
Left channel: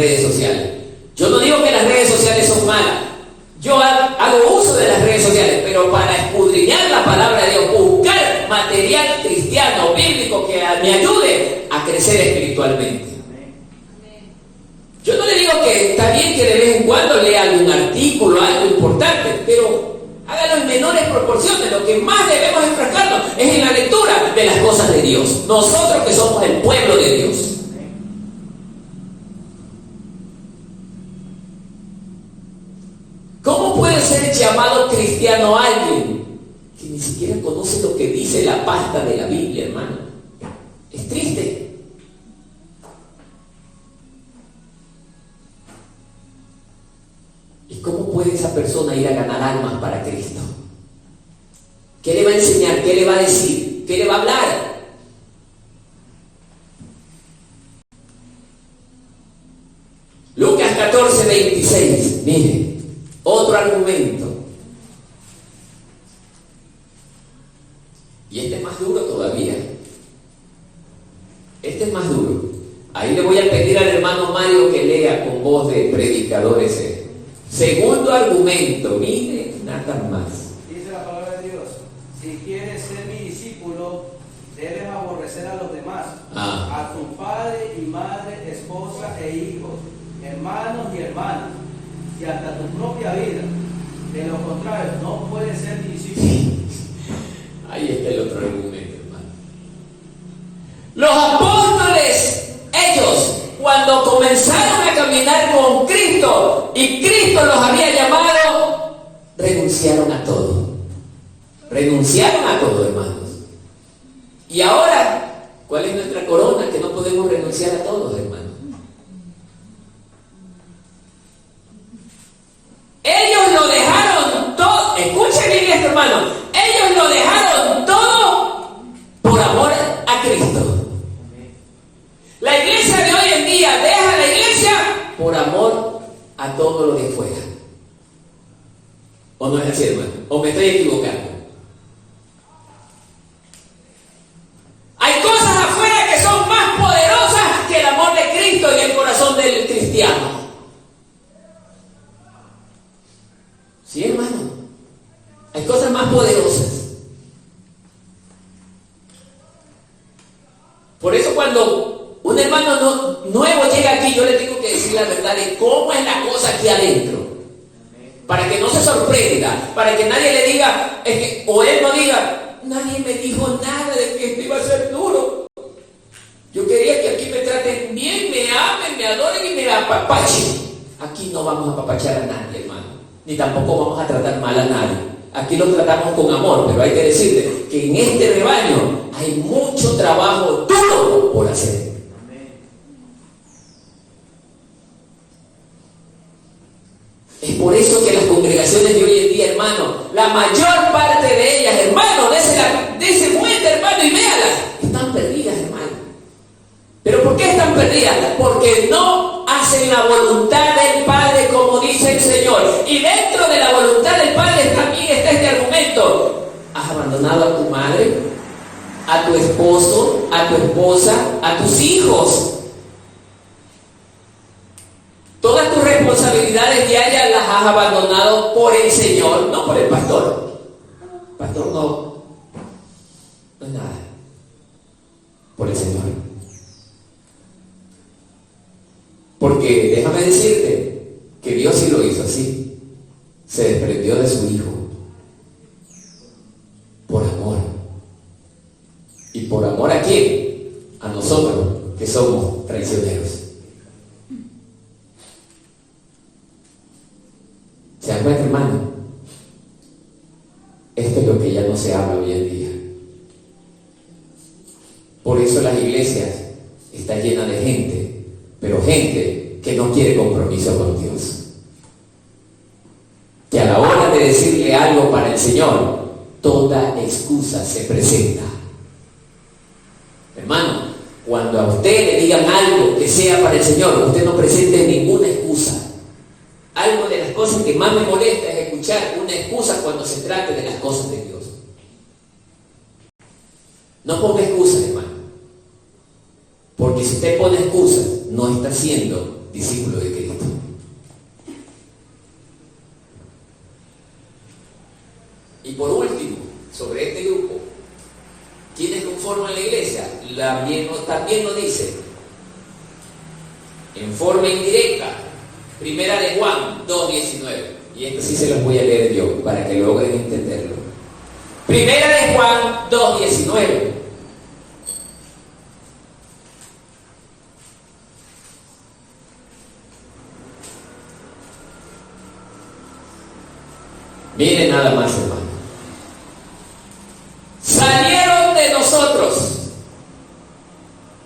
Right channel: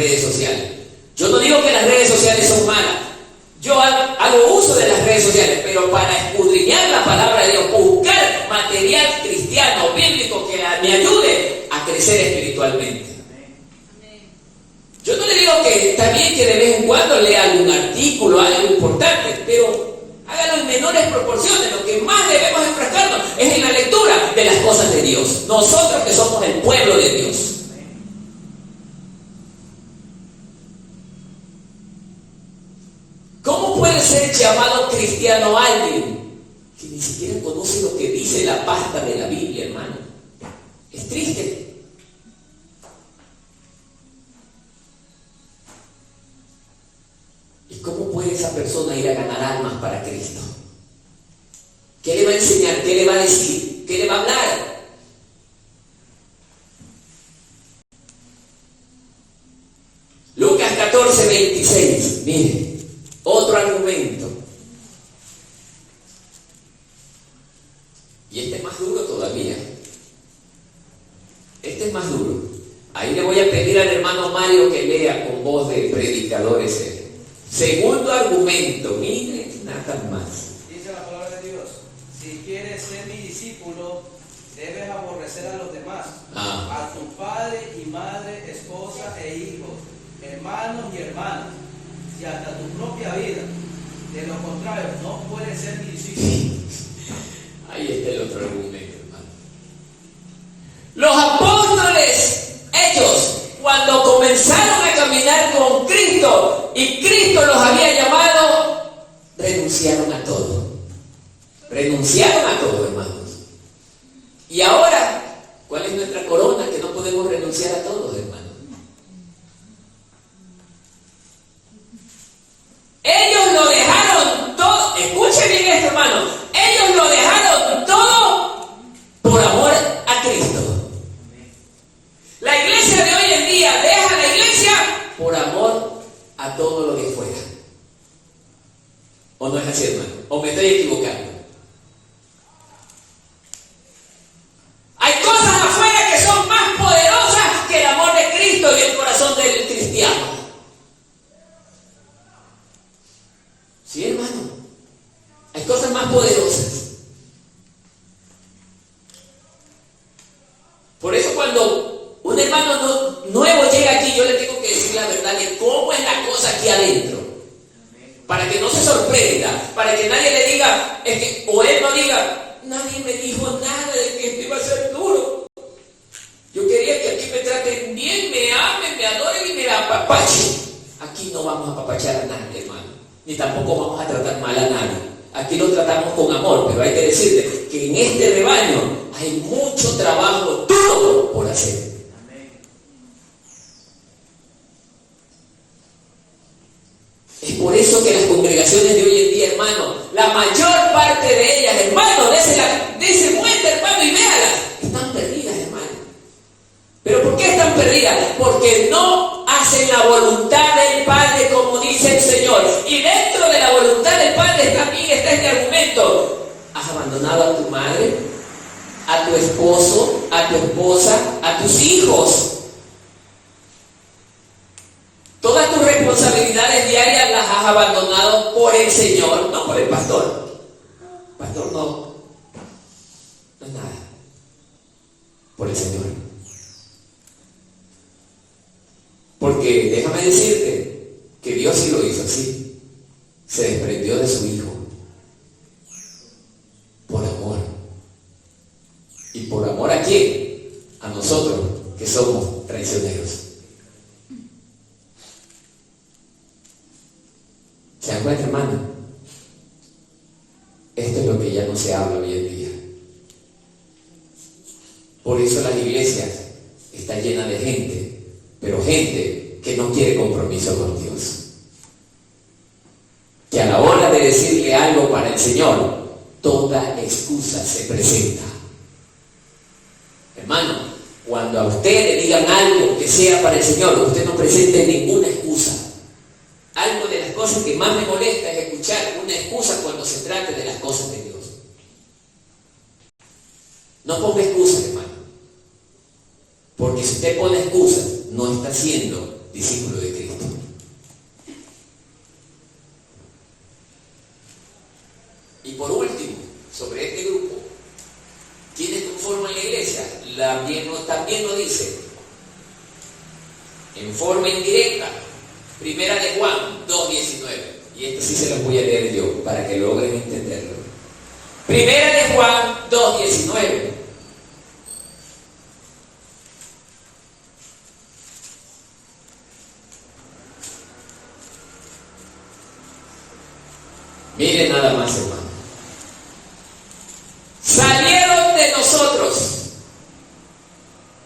redes sociales. Yo no digo que las redes sociales son malas. Yo hago uso de las redes sociales, pero para escudriñar la palabra de Dios, buscar material cristiano, bíblico, que me ayude a crecer espiritualmente. Yo no le digo que está bien que de vez en cuando lea algún artículo, algo importante, pero hágalo en menores proporciones. Lo que más debemos enfrascarnos es en la lectura de las cosas de Dios. Nosotros que somos el pueblo de Dios. ¿Cómo puede ser llamado cristiano alguien que ni siquiera conoce lo que dice la pasta de la Biblia, hermano? Es triste. ¿Y cómo puede esa persona ir a ganar almas para Cristo? ¿Qué le va a enseñar? ¿Qué le va a decir? ¿Qué le va a hablar? Lucas 14:26. Mire, otro argumento. Y este es más duro todavía. Este es más duro. Ahí le voy a pedir al hermano Mario que lea con voz de predicadores. Segundo argumento, mire, nada más. Dice la palabra de Dios: si quieres ser mi discípulo, debes aborrecer a los demás, a tu padre y madre, esposa e hijos, hermanos y hermanas, y hasta tu propia vida. De lo contrario, no puedes ser mi discípulo. Ahí está el otro argumento, hermano. Los apóstoles, ellos, cuando comenzaron a caminar con Cristo y Cristo los había llamado, renunciaron a todo. Renunciaron a todo, hermanos. Y ahora, ¿cuál es nuestra corona? Que no podemos renunciar a todos, hermanos. Ellos lo dejaron todo. Escuchen bien esto, hermano. Ellos lo dejaron todo por amor a Cristo. La iglesia de hoy en día deja la iglesia por amor a todo lo de fuera. ¿O no es así, hermano? ¿O me estoy equivocando? Hay cosas afuera que son más poderosas que el amor de Cristo y el corazón del cristiano. Sí, hermano. Hay cosas más poderosas. Por eso cuando un hermano nuevo llega aquí, yo le tengo que decir la verdad de cómo es la cosa aquí adentro. Para que no se sorprenda, para que nadie le diga, o él no diga, nadie me dijo nada de que esto iba a ser duro. Yo quería que aquí me traten bien, me amen, me adoren y me apapachen. Aquí no vamos a apapachar a nadie, hermano. Ni tampoco vamos a tratar mal a nadie. Aquí lo tratamos con amor, pero hay que decirle que en este rebaño hay mucho trabajo duro por hacer. Es por eso que las congregaciones de hoy en día, hermano, la mayor parte de ellas, hermano, dese vuelta, hermano, y véalas, están perdidas, hermano. ¿Pero por qué están perdidas? Porque no hacen la voluntad del Padre como dice el Señor. Y dentro de la voluntad del Padre también está este argumento. ¿Has abandonado a tu madre, a tu esposo, a tu esposa, a tus hijos? Todas tus responsabilidades diarias las has abandonado por el Señor, no por el pastor. Pastor no es nada. Por el Señor. Porque déjame decirte que Dios sí lo hizo así. Se desprendió de su Hijo. Por amor. ¿Y por amor a quién? A nosotros, que somos traicioneros. ¿Se dan cuenta, hermano? Esto es lo que ya no se habla hoy en día. Por eso las iglesias están llenas de gente, pero gente que no quiere compromiso con Dios. Que a la hora de decirle algo para el Señor, toda excusa se presenta. Hermano, cuando a usted le digan algo que sea para el Señor, usted no presente ninguna excusa. Algo de las cosas que más me molesta es escuchar una excusa cuando se trate de las cosas de Dios. No ponga excusas, hermano. Porque si usted pone excusas, no está siendo discípulos de Cristo. Y por último, sobre este grupo, ¿quiénes conforman la iglesia? También nos dice, en forma indirecta, Primera de Juan 2:19. Y esto sí se los voy a leer yo, para que logren entenderlo. Primera de Juan 2:19. Miren nada más, hermano. Salieron de nosotros,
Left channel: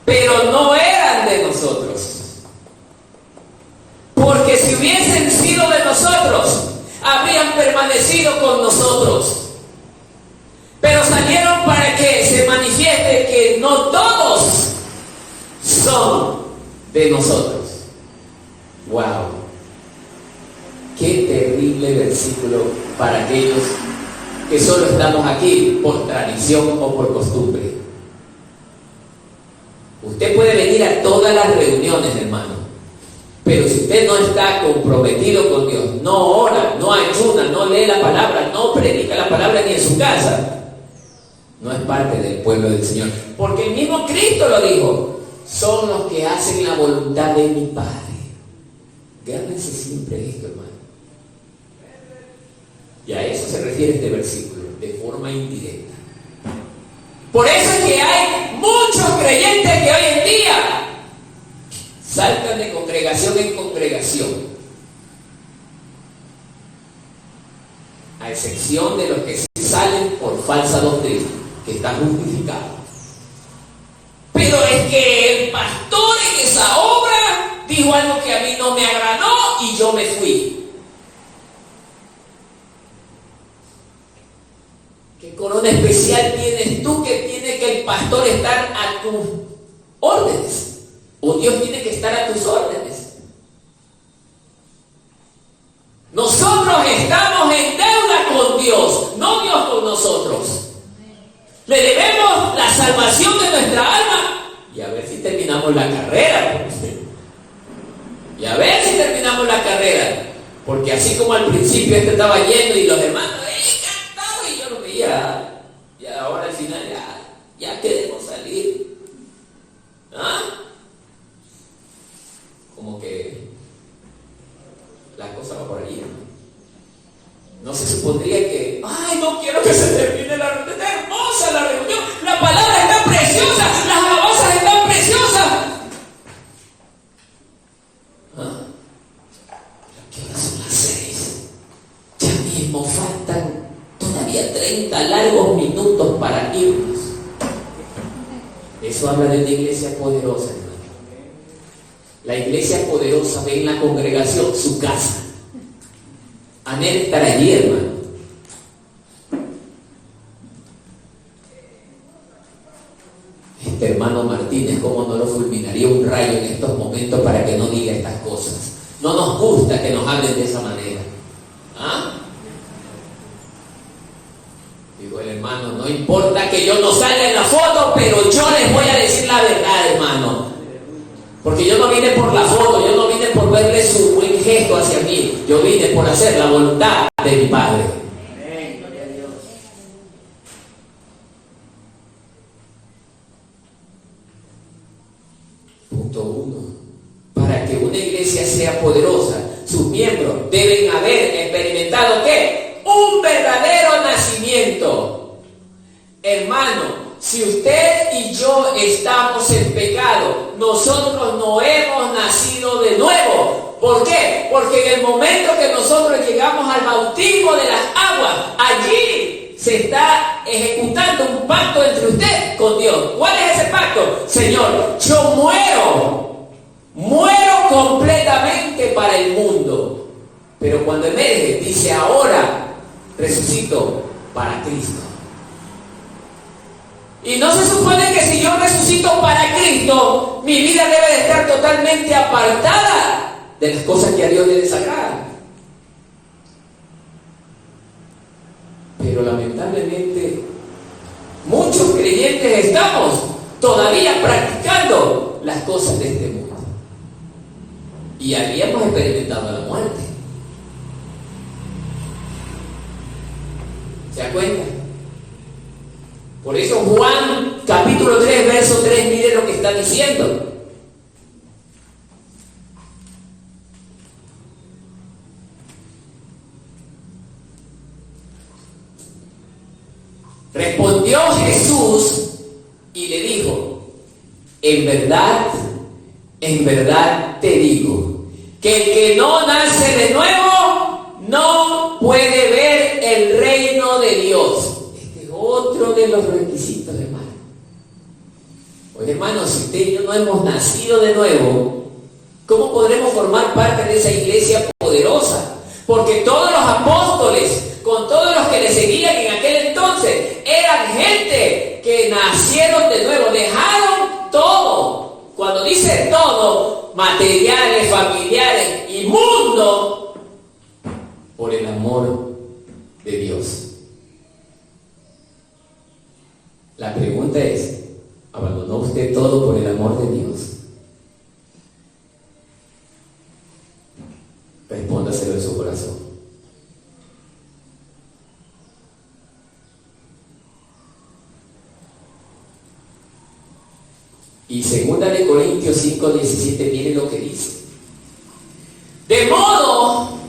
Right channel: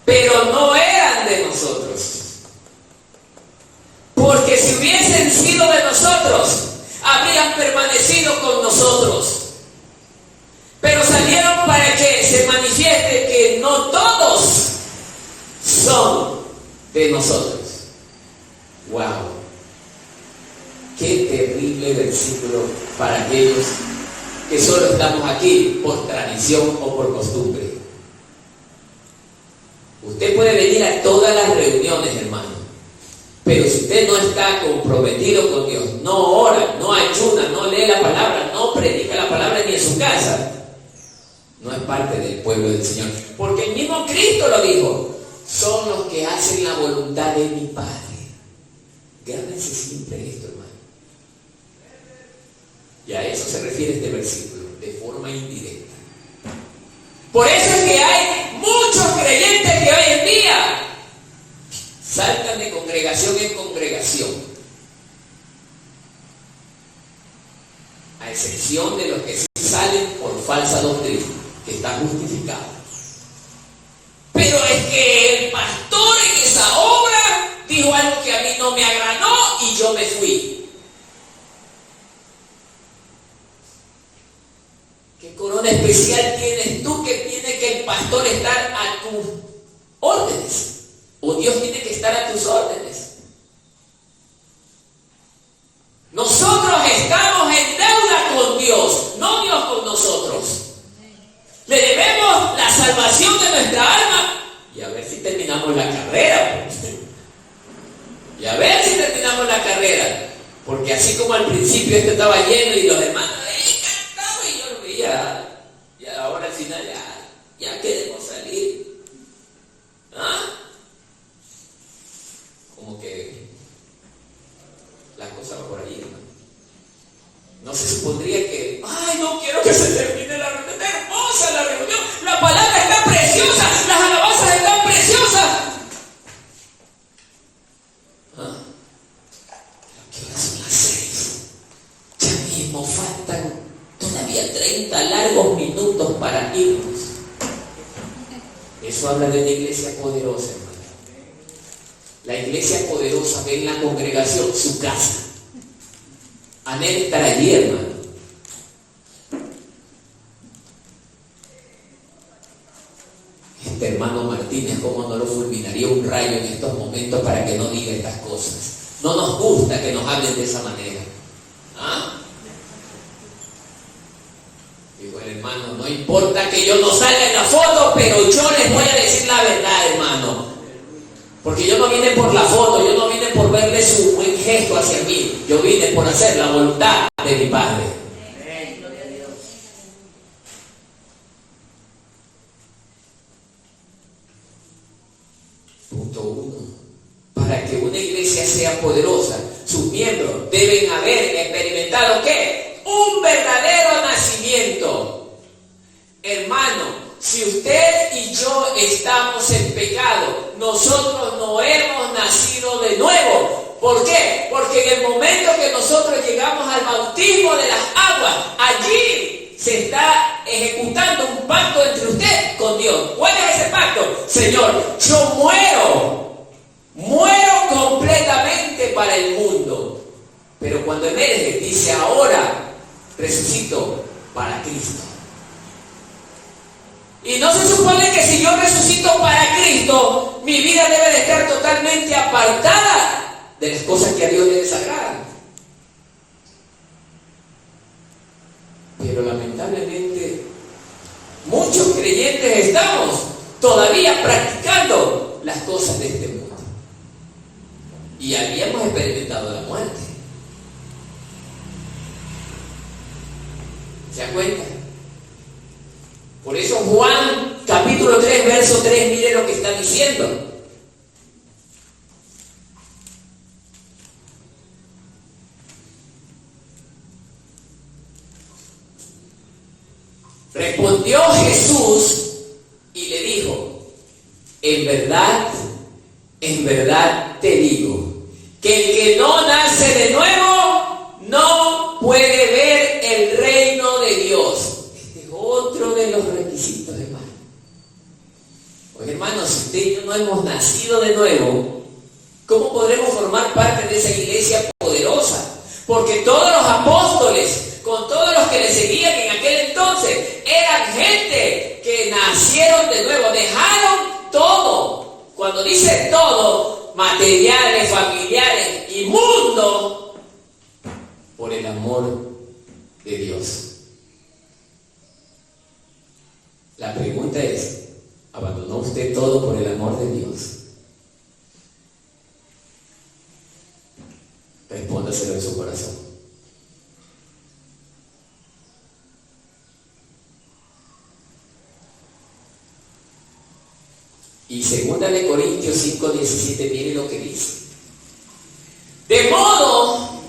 pero no eran de nosotros. Porque si hubiesen sido de nosotros, habrían permanecido con nosotros. Pero salieron para que se manifieste que no todos son de nosotros. ¡Wow! Qué terrible versículo para aquellos que solo estamos aquí por tradición o por costumbre. Usted puede venir a todas las reuniones, hermano, pero si usted no está comprometido con Dios, no ora, no ayuna, no lee la palabra, no predica la palabra ni en su casa, no es parte del pueblo del Señor. Porque el mismo Cristo lo dijo: son los que hacen la voluntad de mi Padre. Gánense siempre esto, hermano. Y a eso se refiere este versículo, de forma indirecta. Por eso es que hay muchos creyentes que hoy en día saltan de congregación en congregación, a excepción de los que sí salen por falsa doctrina, que están justificados. Pero es que el pastor en esa obra dijo algo que a mí no me agradó y yo me fui. ¿Qué corona especial tienes tú que tiene que el pastor estar a tus órdenes? ¿O Dios tiene que estar a tus órdenes? Nosotros estamos en deuda con Dios, no Dios con nosotros. Le debemos la salvación de nuestra alma y a ver si terminamos la carrera. Y a ver si terminamos la carrera. Porque así como al principio este estaba lleno y los demás cantaba y yo lo veía, y ahora al final ya queremos salir. ¿Ah? Como que la cosa va por ahí, hermano. No se supondría que, ay, no quiero que se termine la reunión. Está hermosa la reunión, la palabra está preciosa, las alabanzas están preciosas. ¿Ah? ¿Qué son las 6? Ya mismo faltan todavía 30 largos minutos para irnos. Eso habla de una iglesia poderosa, hermano. La iglesia poderosa ve en la congregación su casa. Anhela estar allí, hermano. Este hermano Martínez, ¿cómo no lo fulminaría un rayo en estos momentos para que no diga estas cosas? No nos gusta que nos hablen de esa manera. ¿Ah? Digo el hermano, no importa que yo no salga en la foto, pero yo les voy a decir la verdad, hermano. Porque yo no vine por la foto, yo no vine por verle su buen gesto hacia mí. Yo vine por hacer la voluntad de mi Padre. Punto 1. Para que una iglesia sea poderosa, sus miembros deben haber experimentado ¿qué? Un verdadero nacimiento. Hermano, si usted y yo estamos en pecado, nosotros no hemos nacido de nuevo. ¿Por qué? Porque en el momento que nosotros llegamos al bautismo de las aguas, allí se está ejecutando un pacto entre usted con Dios. ¿Cuál es ese pacto? Señor, yo muero completamente para el mundo. Pero cuando emerge, dice, ahora resucito para Cristo. Y no se supone que si yo resucito para Cristo, mi vida debe de estar totalmente apartada de las cosas que a Dios le desagradan. Pero lamentablemente, muchos creyentes estamos todavía practicando las cosas de este mundo. y habíamos experimentado la muerte. ¿Se da cuenta? Por eso Juan capítulo 3, verso 3, mire lo que está diciendo. Respondió Jesús y le dijo: en verdad te digo, que el que no nace de nuevo no puede ver el reino de Dios. Este es otro de los requisitos, hermano. Oye, hermano, si usted y yo no hemos nacido de nuevo, ¿cómo podremos formar parte de esa iglesia poderosa? Porque todos los apóstoles, con todos los que le seguían en aquel entonces, eran gente que nacieron de nuevo, dejaron todo. Cuando dice todo, materiales, familiares y mundo, por el amor de Dios. La pregunta es, ¿abandonó usted todo por el amor de Dios? Respóndaselo en su corazón. Y 2 de Corintios 5:17, mire lo que dice. De modo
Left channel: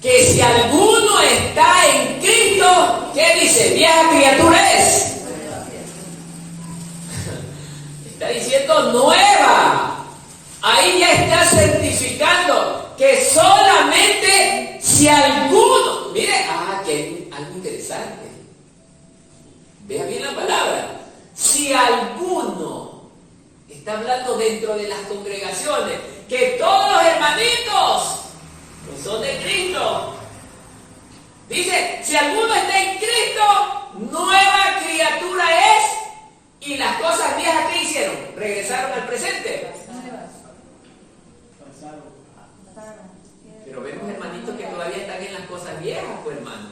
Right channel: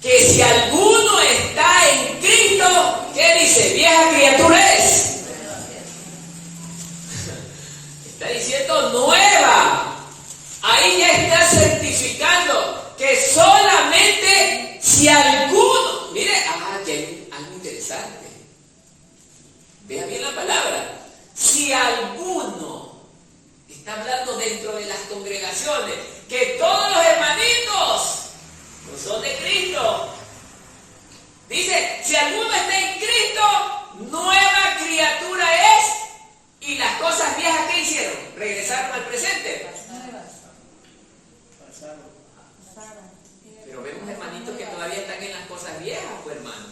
que si alguno está en Cristo, ¿qué dice? Vieja criatura es. Está diciendo nueva. Ahí ya está certificando que solamente si alguno, mire, que hay algo interesante. Vea bien la palabra. Si alguno, está hablando dentro de las congregaciones, que todos los hermanitos no son de Cristo. Dice, si alguno está en Cristo, nueva criatura es, y las cosas viejas que hicieron, regresaron al presente. Pero vemos hermanitos que todavía están en las cosas viejas, pues hermano.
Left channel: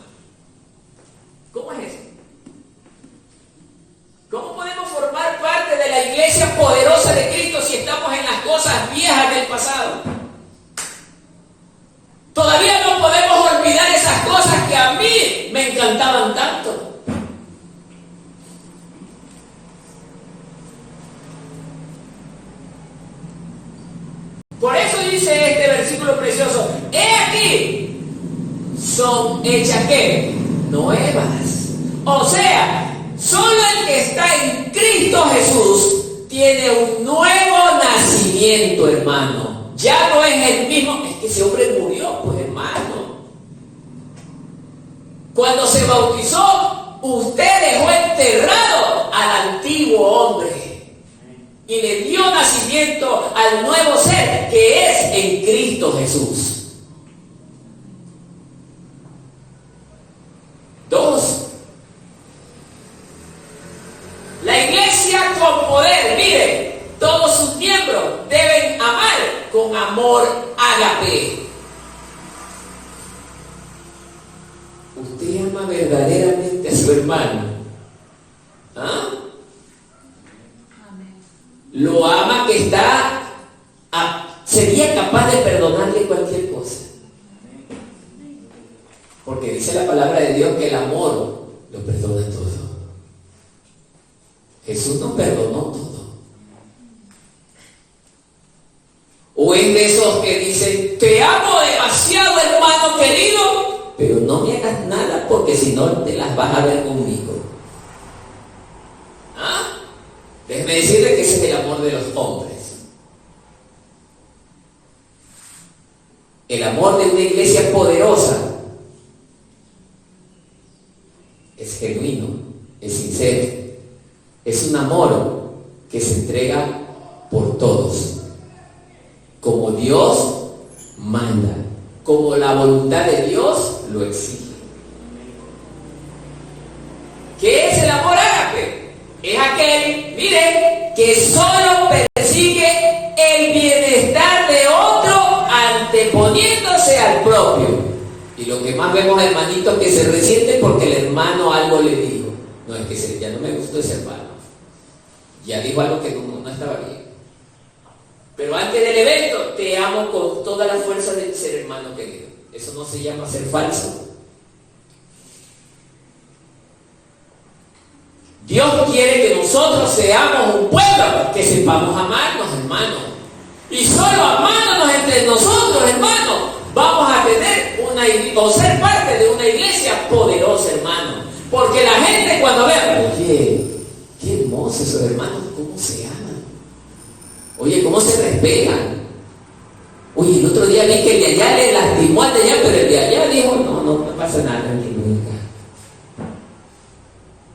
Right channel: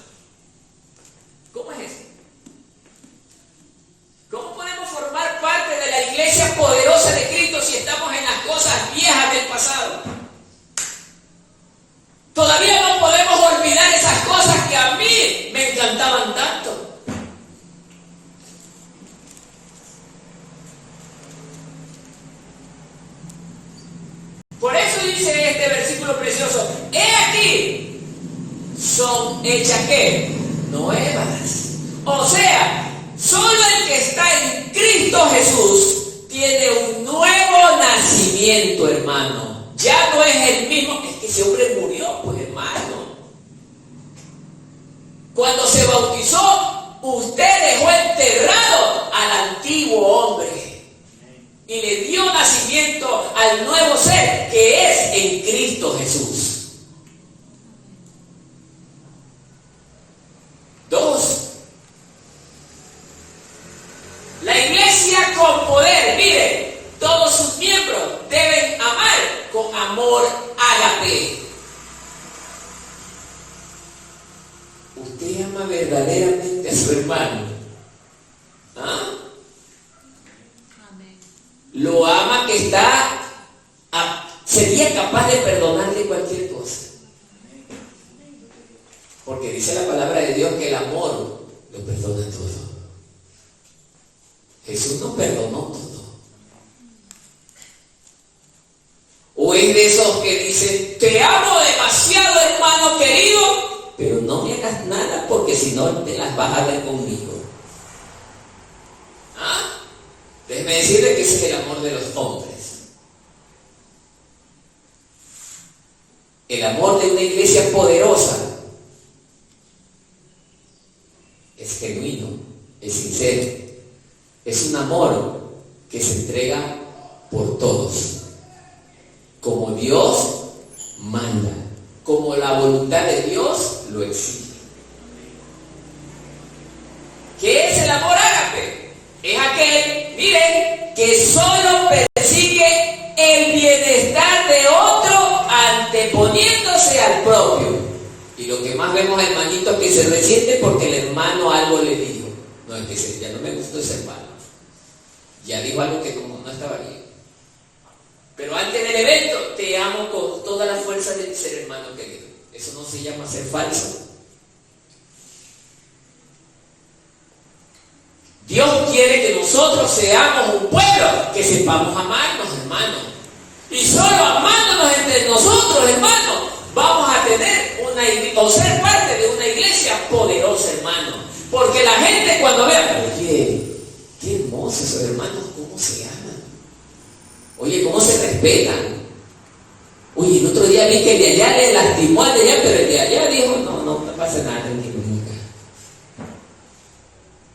¿Cómo es eso? ¿Cómo podemos formar parte de la iglesia poderosa de Cristo si estamos en las cosas viejas del pasado? Todavía no podemos olvidar esas cosas que a mí me encantaban tanto. Por eso dice este versículo precioso: he aquí, son hechas ¿qué? Nuevas. O sea, solo el que está en Cristo Jesús tiene un nuevo nacimiento, hermano. Ya no es el mismo. Es que ese hombre murió, pues, hermano. Cuando se bautizó, usted dejó enterrado al antiguo hombre y le dio nacimiento al nuevo ser que es en Cristo Jesús. 2. La iglesia con poder, mire, todos sus miembros deben amar con amor ágape. ¿Usted ama verdaderamente a su hermano? ¿Ah? Lo ama que sería capaz de perdonarle cualquier cosa. Porque dice la palabra de Dios que el amor lo perdona todo. Jesús nos perdonó todo. O es de esos que dicen, te amo demasiado, hermano querido, pero no me hagas nada porque si no te las vas a ver conmigo. ¿Ah? Déjeme decirle que ese es el amor de los hombres. El amor de una iglesia poderosa es genuino, es sincero, es un amor que se entrega por todos, como Dios manda, como la voluntad de Dios lo exige. ¿Qué es el amor ágape? Es aquel, miren, que solo persigue el bienestar de otro anteponiéndose al propio. Y lo que más vemos, hermanitos, que se resiente porque el hermano algo le dijo. No, es que ya no me gustó ese hermano. Ya dijo algo que no estaba bien. Pero antes del evento, te amo con toda la fuerza del ser hermano querido. Eso no se llama ser falso. Dios quiere que nosotros seamos un pueblo, que sepamos amarnos, hermanos. Y solo amándonos entre nosotros, hermanos, vamos a tener o ser parte de una iglesia poderosa, hermano. Porque la gente cuando vea, oye, qué hermosos esos hermanos, cómo se aman. Oye, cómo se respetan. Oye, el otro día vi que el de allá le lastimó al de allá, pero el de allá dijo, no pasa nada, tranquilo.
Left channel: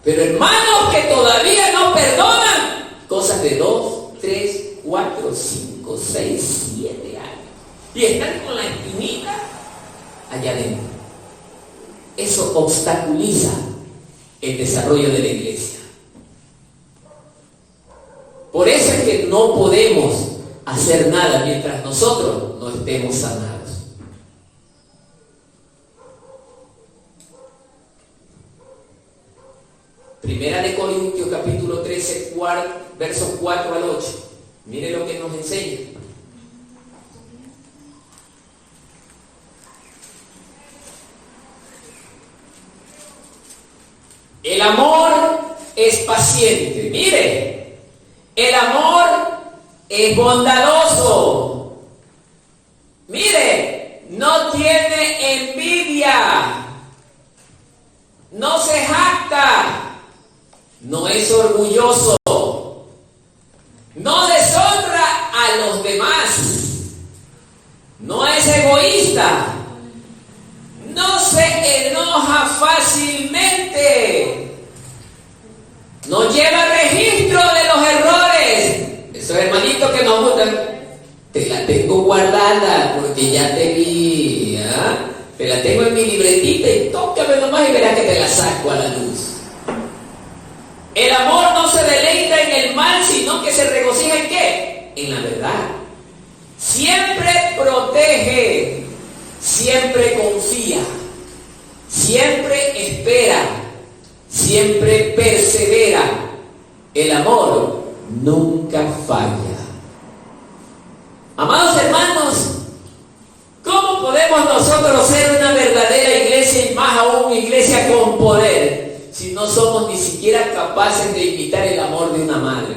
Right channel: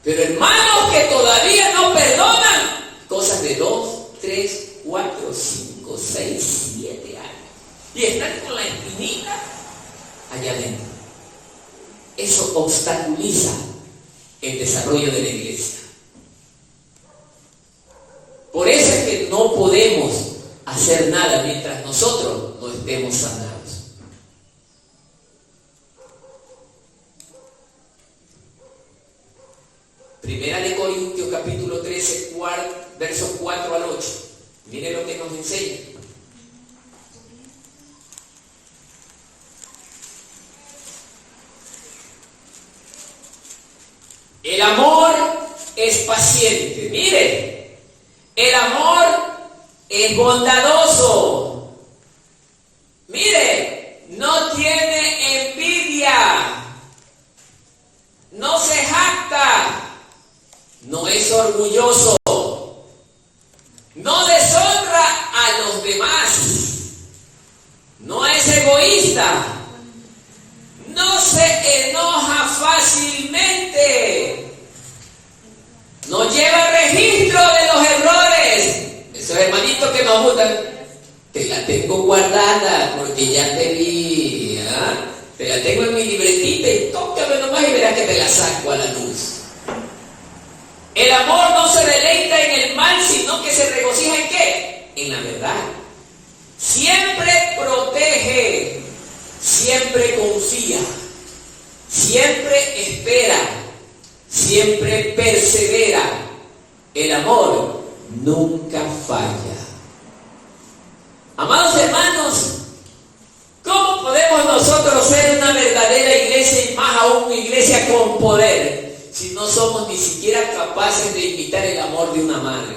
Pero hermanos que todavía no perdonan, cosas de 2, 3, 4, 5, 6, 7 años. Y están con la espinita allá adentro. Eso obstaculiza el desarrollo de la iglesia. Por eso es que no podemos hacer nada mientras nosotros no estemos sanados. Primera de Corintios capítulo 13, versos 4 al 8. Mire lo que nos enseña. El amor es paciente. Mire, el amor es bondadoso. Mire, no tiene envidia. No se jacta. No es orgulloso. No deshonra a los demás. No es egoísta. No se enoja fácilmente. No lleva registro de los errores. Esos hermanitos que nos gustan, te la tengo guardada porque ya te vi. Te la tengo en mi libretita y tócame nomás y verás que te la saco a la luz. El amor no se deleita en el mal, sino que se regocija ¿en qué? En la verdad. Siempre protege, siempre confía, siempre espera, siempre persevera. El amor nunca falla. Amados hermanos, ¿cómo podemos nosotros ser una verdadera iglesia y más aún una iglesia con poder si no somos ni siquiera capaces de imitar el amor de una madre?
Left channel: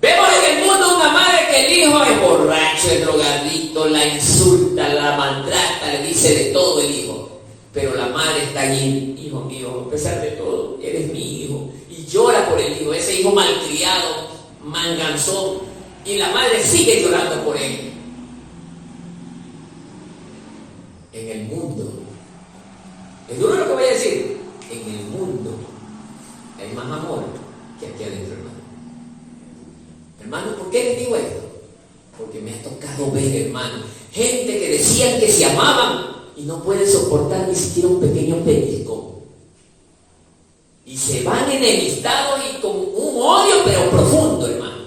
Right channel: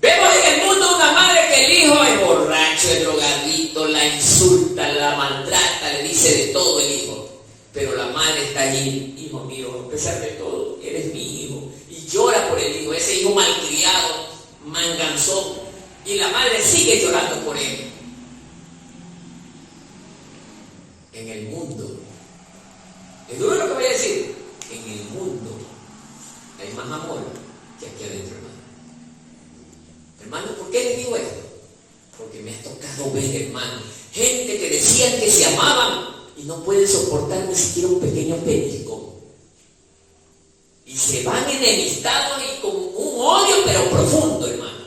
Vemos en el mundo una madre que el hijo es borracho, es drogadicto, la insulta, la maltrata, le dice de todo el hijo. Pero la madre está allí, hijo mío, a pesar de todo, eres mi hijo. Y llora por el hijo, ese hijo malcriado, manganzón. Y la madre sigue llorando por él. En el mundo, es duro lo que voy a decir, en el mundo hay más amor que aquí adentro, hermano. Hermano, ¿por qué le digo esto? Porque me ha tocado ver, hermano, gente que decían que se amaban y no pueden soportar ni siquiera un pequeño pellizco. Y se van enemistados y con un odio pero profundo, hermano.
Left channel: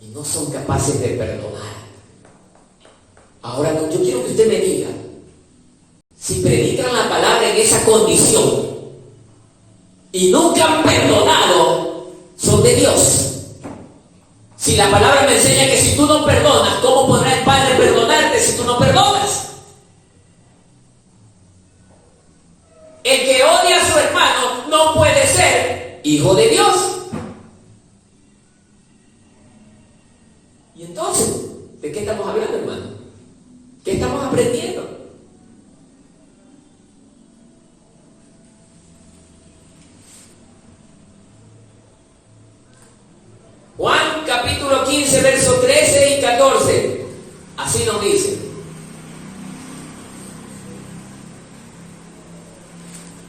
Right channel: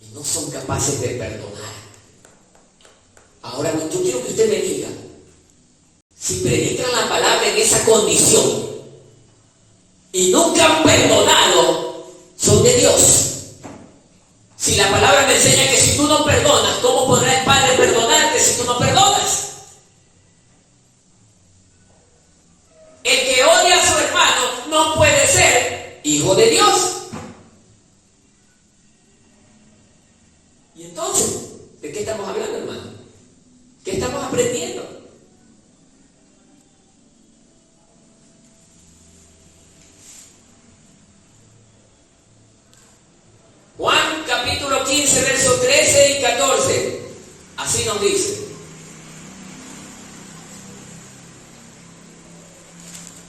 Y no son capaces de perdonar. Ahora, yo quiero que usted me diga, si predican la palabra en esa condición y nunca han perdonado, son de Dios. Si la palabra me enseña que si tú no perdonas, ¿cómo podrá el Padre perdonarte si tú no perdonas? El que odia a su hermano no puede ser hijo de Dios. Y entonces, ¿de qué estamos hablando, hermano? ¿Qué estamos aprendiendo? Juan capítulo 15, versos 13 y 14. Así nos dice.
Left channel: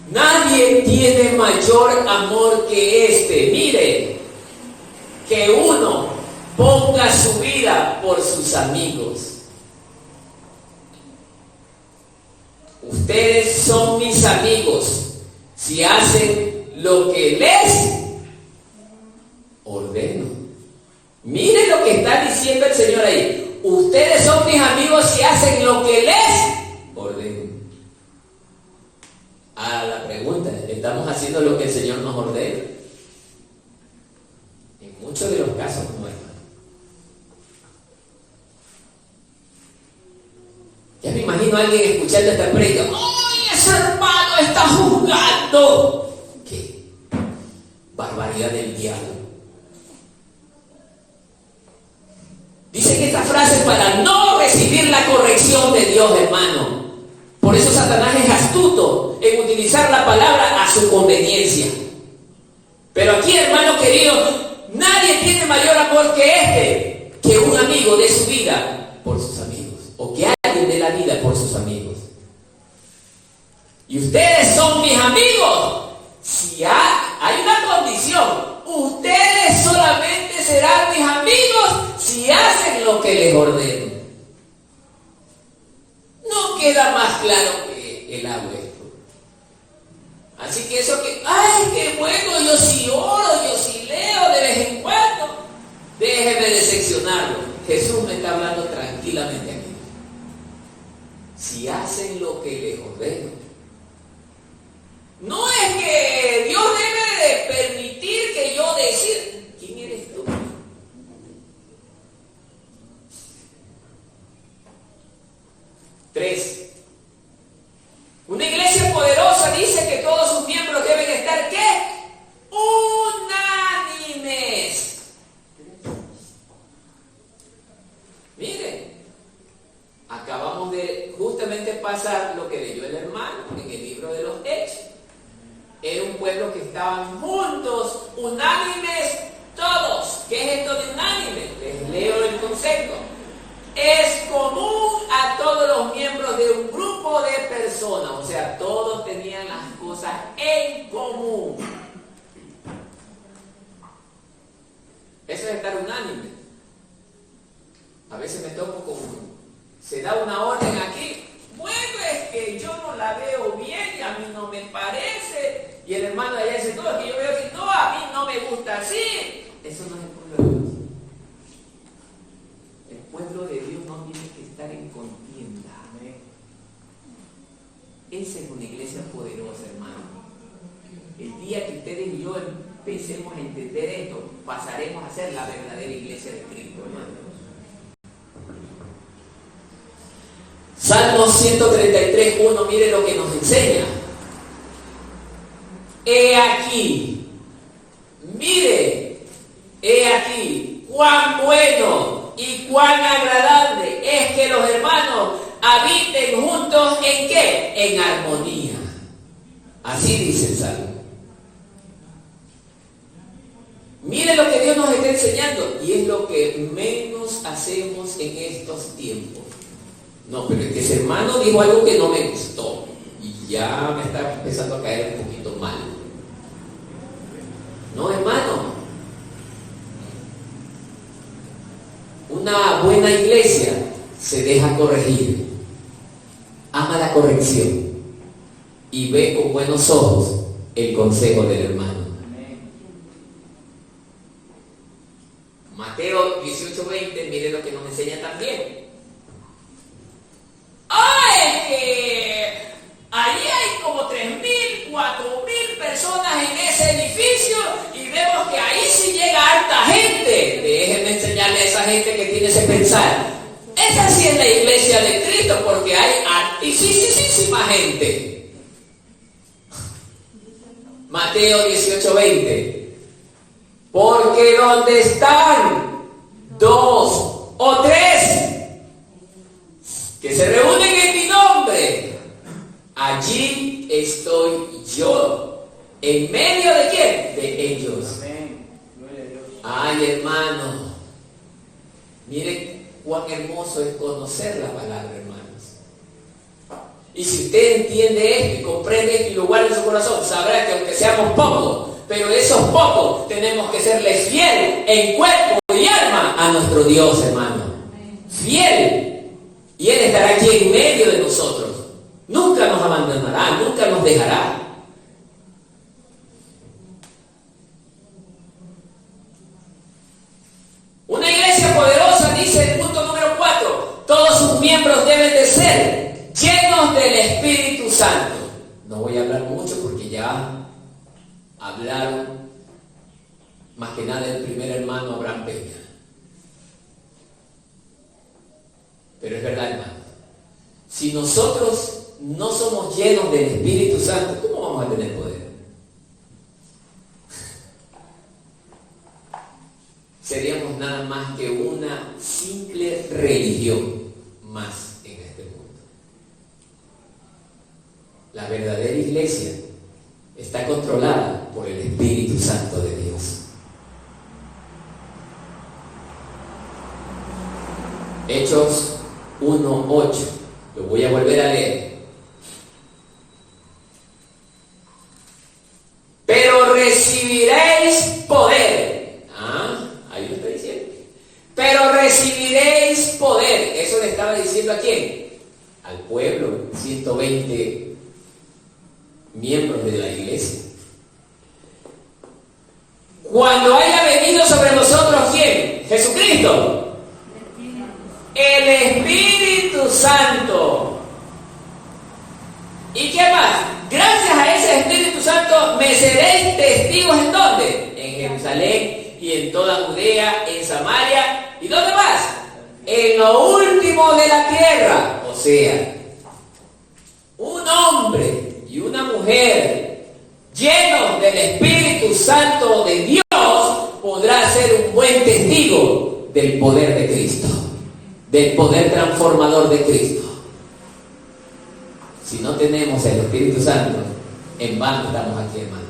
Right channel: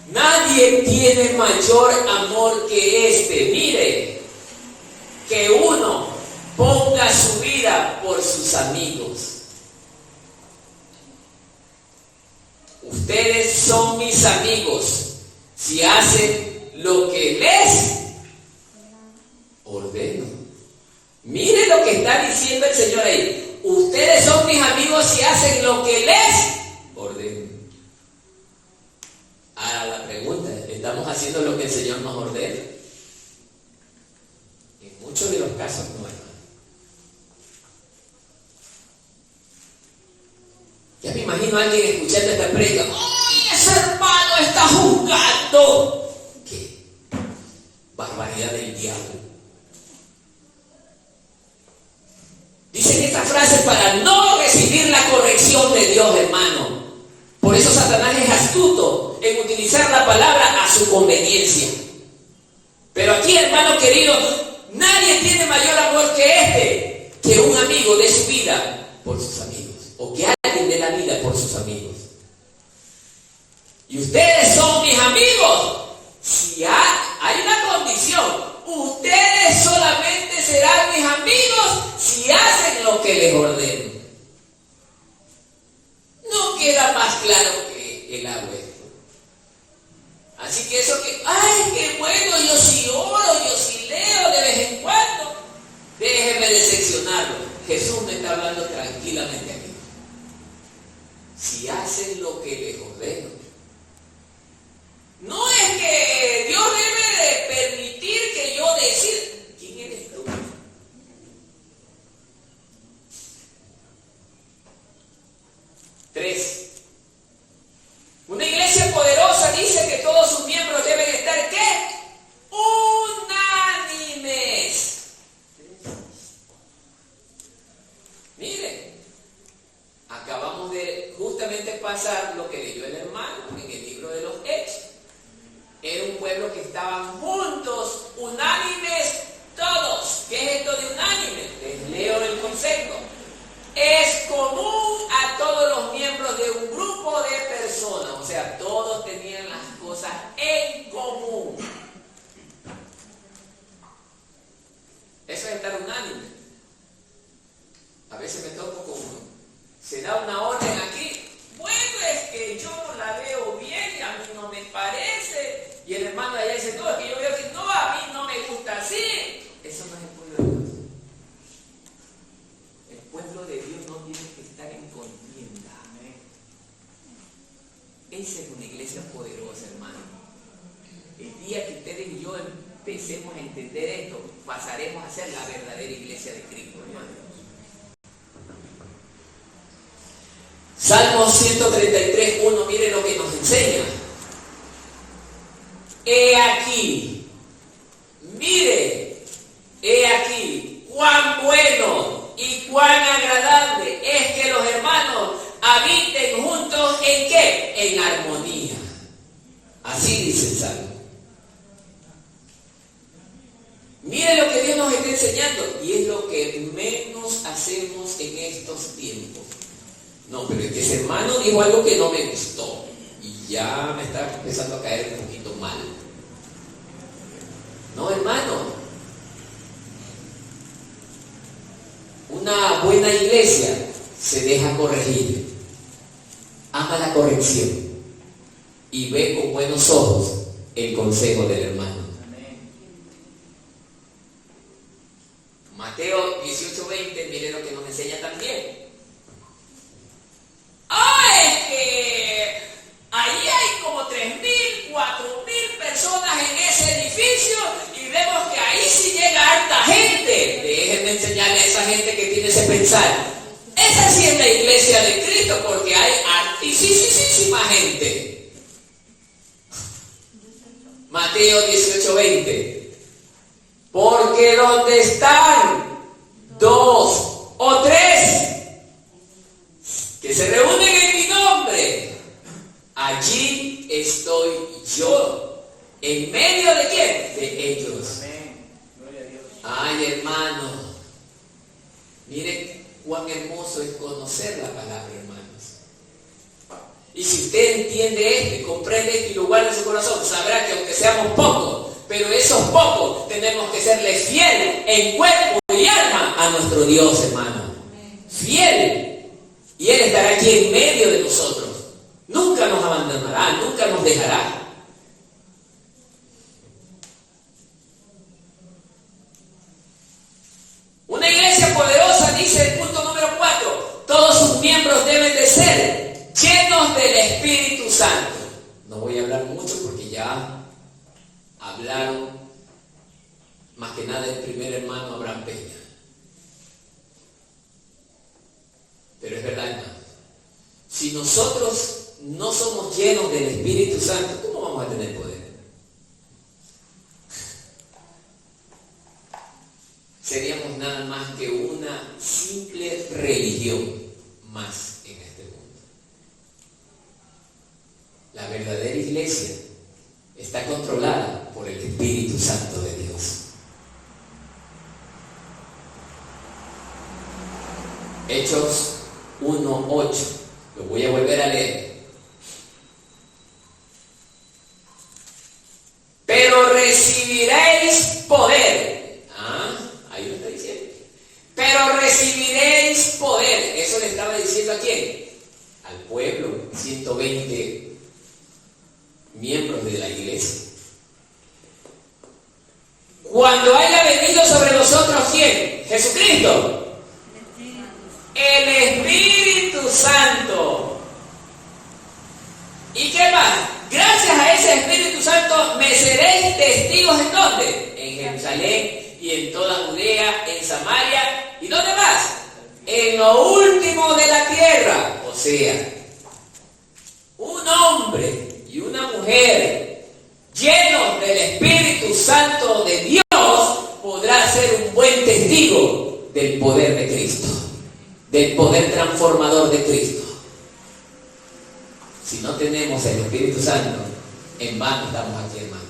Nadie tiene mayor amor que este. Mire, que uno ponga su vida por sus amigos. Ustedes son mis amigos si hacen lo que les ordeno. Mire lo que está diciendo el Señor ahí. Ustedes son mis amigos si hacen lo que les ordeno. A la pregunta, ¿estamos haciendo lo que el Señor nos ordena? muchos de los casos no, hermano. Ya me imagino a alguien escuchando esta predica. ¡Ay, ese hermano está juzgando! ¡Qué barbaridad del diablo! Dicen esta frase para no recibir la corrección de Dios, hermano. Por eso Satanás es astuto en utilizar la palabra a su conveniencia. Pero aquí, hermano querido, nadie tiene mayor amor que que un amigo dé su vida por sus amigos, o que alguien dé la vida por sus amigos. Y ustedes son mis amigos. Si hay una condición, ustedes solamente serán mis amigos si hacen lo que les ordeno. No queda más claro que el agua esto. Así que eso que, ay, qué bueno, yo sí oro, yo sí leo de vez en cuando. Déjeme decepcionarlo. Jesús me está hablando tranquilamente aquí. Si hacen lo que les ordeno. No es que Dios debe de permitir que yo decir, ¿quién eres tú? Tres. Una iglesia poderosa dice que todos sus miembros deben estar, ¿qué? Unánimes. Miren, acabamos de justamente pasar lo que leyó el hermano en el libro de los Hechos. Era un pueblo que estaban juntos, unánimes todos. ¿Qué es esto de unánimes? Les leo el concepto. Es común a todos los miembros de un grupo de personas. O sea, todos tenían las cosas en común. Eso es estar unánime. A veces me toco con uno. Se da una orden aquí. Bueno, es que yo no la veo bien y a mí no me parece. Y el hermano de allá dice, no, es que yo veo así. No, a mí no me gusta así. Eso no es el pueblo de Dios. El pueblo de Dios no tiene que estar en contienda. Esa es una iglesia poderosa, hermano. El día que ustedes y yo empecemos a entender esto, pasaremos a ser la verdadera iglesia de Cristo, hermano. Salmo 133:1, mire lo que nos enseña. He aquí, mire, he aquí, cuán bueno y cuán agradable es que los hermanos habiten juntos, ¿en qué? En armonía. Así dice el Salmo. Mire lo que Dios nos está enseñando, y es lo que menos hacemos en estos tiempos. No, pero es que ese hermano dijo algo que no me gustó y ya me está empezando a caer un poquito mal. No, hermano. Una buena iglesia se deja corregir, ama la corrección y ve con buenos ojos el consejo del hermano. Mateo 18:20, mire lo que nos enseña también. Es que allí hay como 3.000, 4.000 personas en ese edificio y vemos que ahí sí llega harta gente. Déjenme enseñarle a esa gente que tiene ese pensar. Esa sí es la iglesia de Cristo, porque hay hartísima gente. Mateo 18:20. Porque donde están 2 o 3 que se reúnen en mi nombre, allí estoy yo. ¿En medio de quién? De ellos. Ay, hermano, mire cuán hermoso es conocer la palabra, hermanos. Y si usted entiende esto y comprende esto y lo guarda en su corazón, sabrá que aunque seamos pocos, pero esos pocos tenemos que serle fiel en cuerpo y alma a nuestro Dios, hermano. Fiel. Y Él estará aquí en medio de nosotros. Nunca nos abandonará, nunca nos dejará. Una iglesia poderosa, dice el punto número 4, todos sus miembros deben de ser llenos del Espíritu Santo. No voy a hablar mucho porque ya hablaron Más que nada el primer hermano Abraham Peña. Pero es verdad, hermano, si nosotros no somos llenos del Espíritu Santo, ¿cómo vamos a tener poder? Seríamos nada más que una simple religión más en este mundo. La verdadera iglesia está controlada por el Espíritu Santo de Dios. Hechos 1:8. Lo voy a volver a leer. Pero recibiréis poder. Ahí lo está diciendo. Pero recibiréis poder. Eso le estaba diciendo a quién? Al pueblo, 120 miembros de la iglesia. Cuando haya venido sobre nosotros, ¿quién? Jesucristo. El Espíritu Santo. ¿Y qué más? Gracias a ese Espíritu Santo me seréis testigos ¿en dónde? En Jerusalén y en toda Judea, en Samaria. ¿Y dónde más? En lo último de la tierra. O sea, un hombre y una mujer llenos del Espíritu Santo de Dios podrá ser un buen testigo del poder de Cristo, del poder transformador de Cristo. Si no tenemos el Espíritu Santo, en vano estamos aquí, hermano.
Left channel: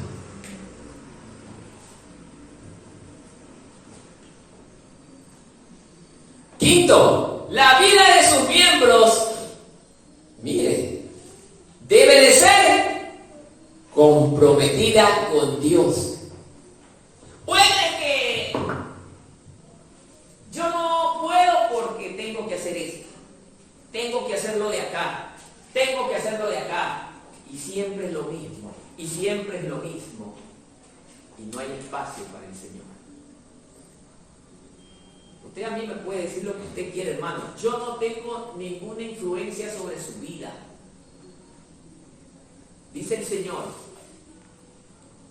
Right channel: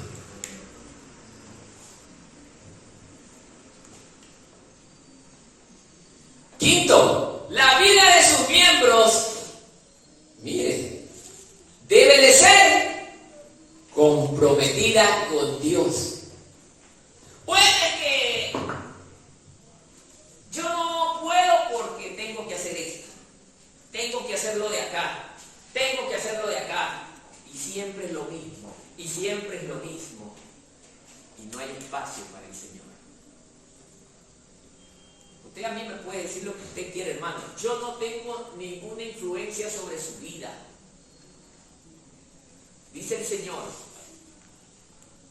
Quinto, la vida de sus miembros, mire, debe de ser comprometida con Dios. Puede que yo no puedo porque tengo que hacer esto, tengo que hacerlo de acá, tengo que hacerlo de acá, y siempre es lo mismo, y siempre es lo mismo, y no hay espacio para el Señor. Usted a mí me puede decir lo que usted quiere, hermano. Yo no tengo ninguna influencia sobre su vida. Dice el Señor,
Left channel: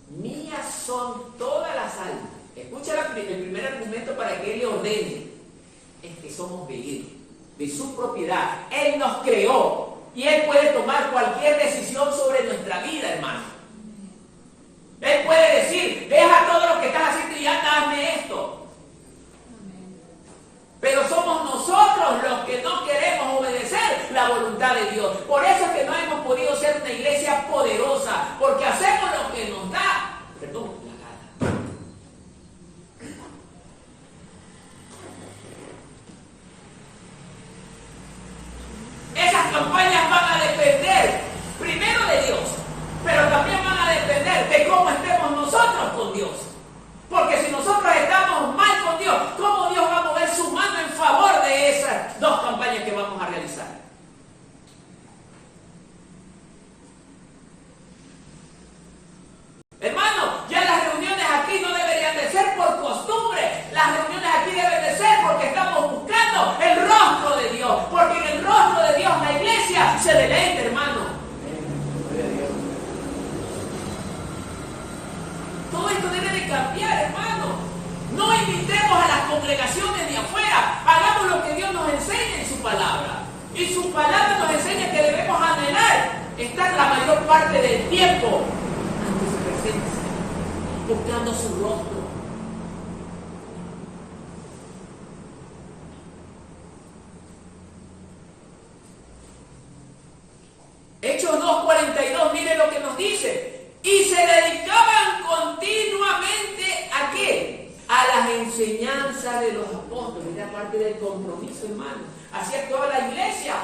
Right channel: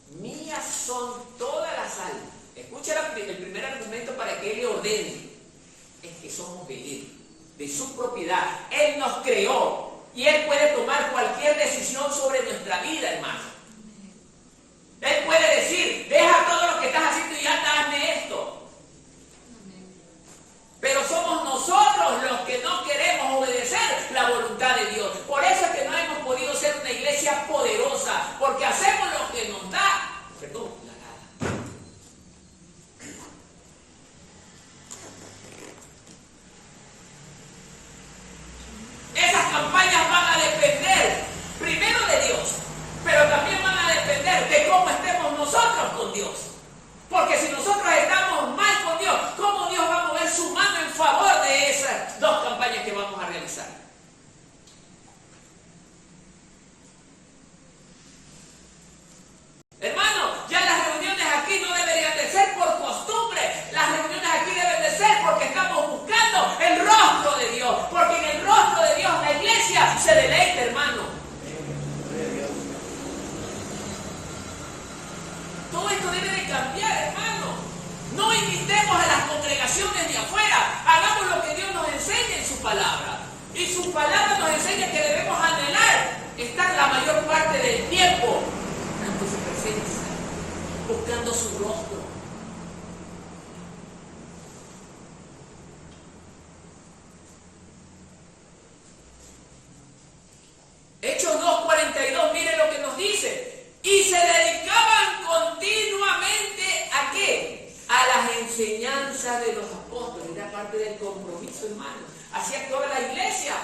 mías son todas las almas. Escucha el primer argumento para que Él le ordene. Es que somos de Él, de su propiedad. Él nos creó y Él puede tomar cualquier decisión sobre nuestra vida, hermano. Él puede decir, deja todo lo que estás haciendo y anda, hazme esto. Pero somos nosotros los que no queremos obedecer la voluntad de Dios. Por eso es que no hemos podido ser una iglesia poderosa, porque hacemos lo que nos da, la gana. Esas campañas van a depender primero de Dios, pero también van a depender de cómo estemos nosotros con Dios. Porque si nosotros estamos mal con Dios, ¿cómo Dios va a mover su mano en favor de esas dos campañas que vamos a realizar? Hermano, ya las reuniones aquí no deberían de ser por costumbre. Las reuniones aquí deben de ser porque estamos buscando el rostro de Dios. Porque en el rostro de Dios la iglesia se deleita, hermano. Todo esto debe de cambiar, hermano. No invitemos a las congregaciones de afuera. Hagamos lo que Dios nos enseña en su palabra. Y su palabra nos enseña que debemos anhelar estar la mayor parte del tiempo ante su presencia, buscando su rostro. Hechos 2:42, mire lo que nos dice. Y se dedicaban continuamente ¿a qué? A las enseñanzas de los apóstoles. Era parte del compromiso, hermano. Así actuaba la iglesia.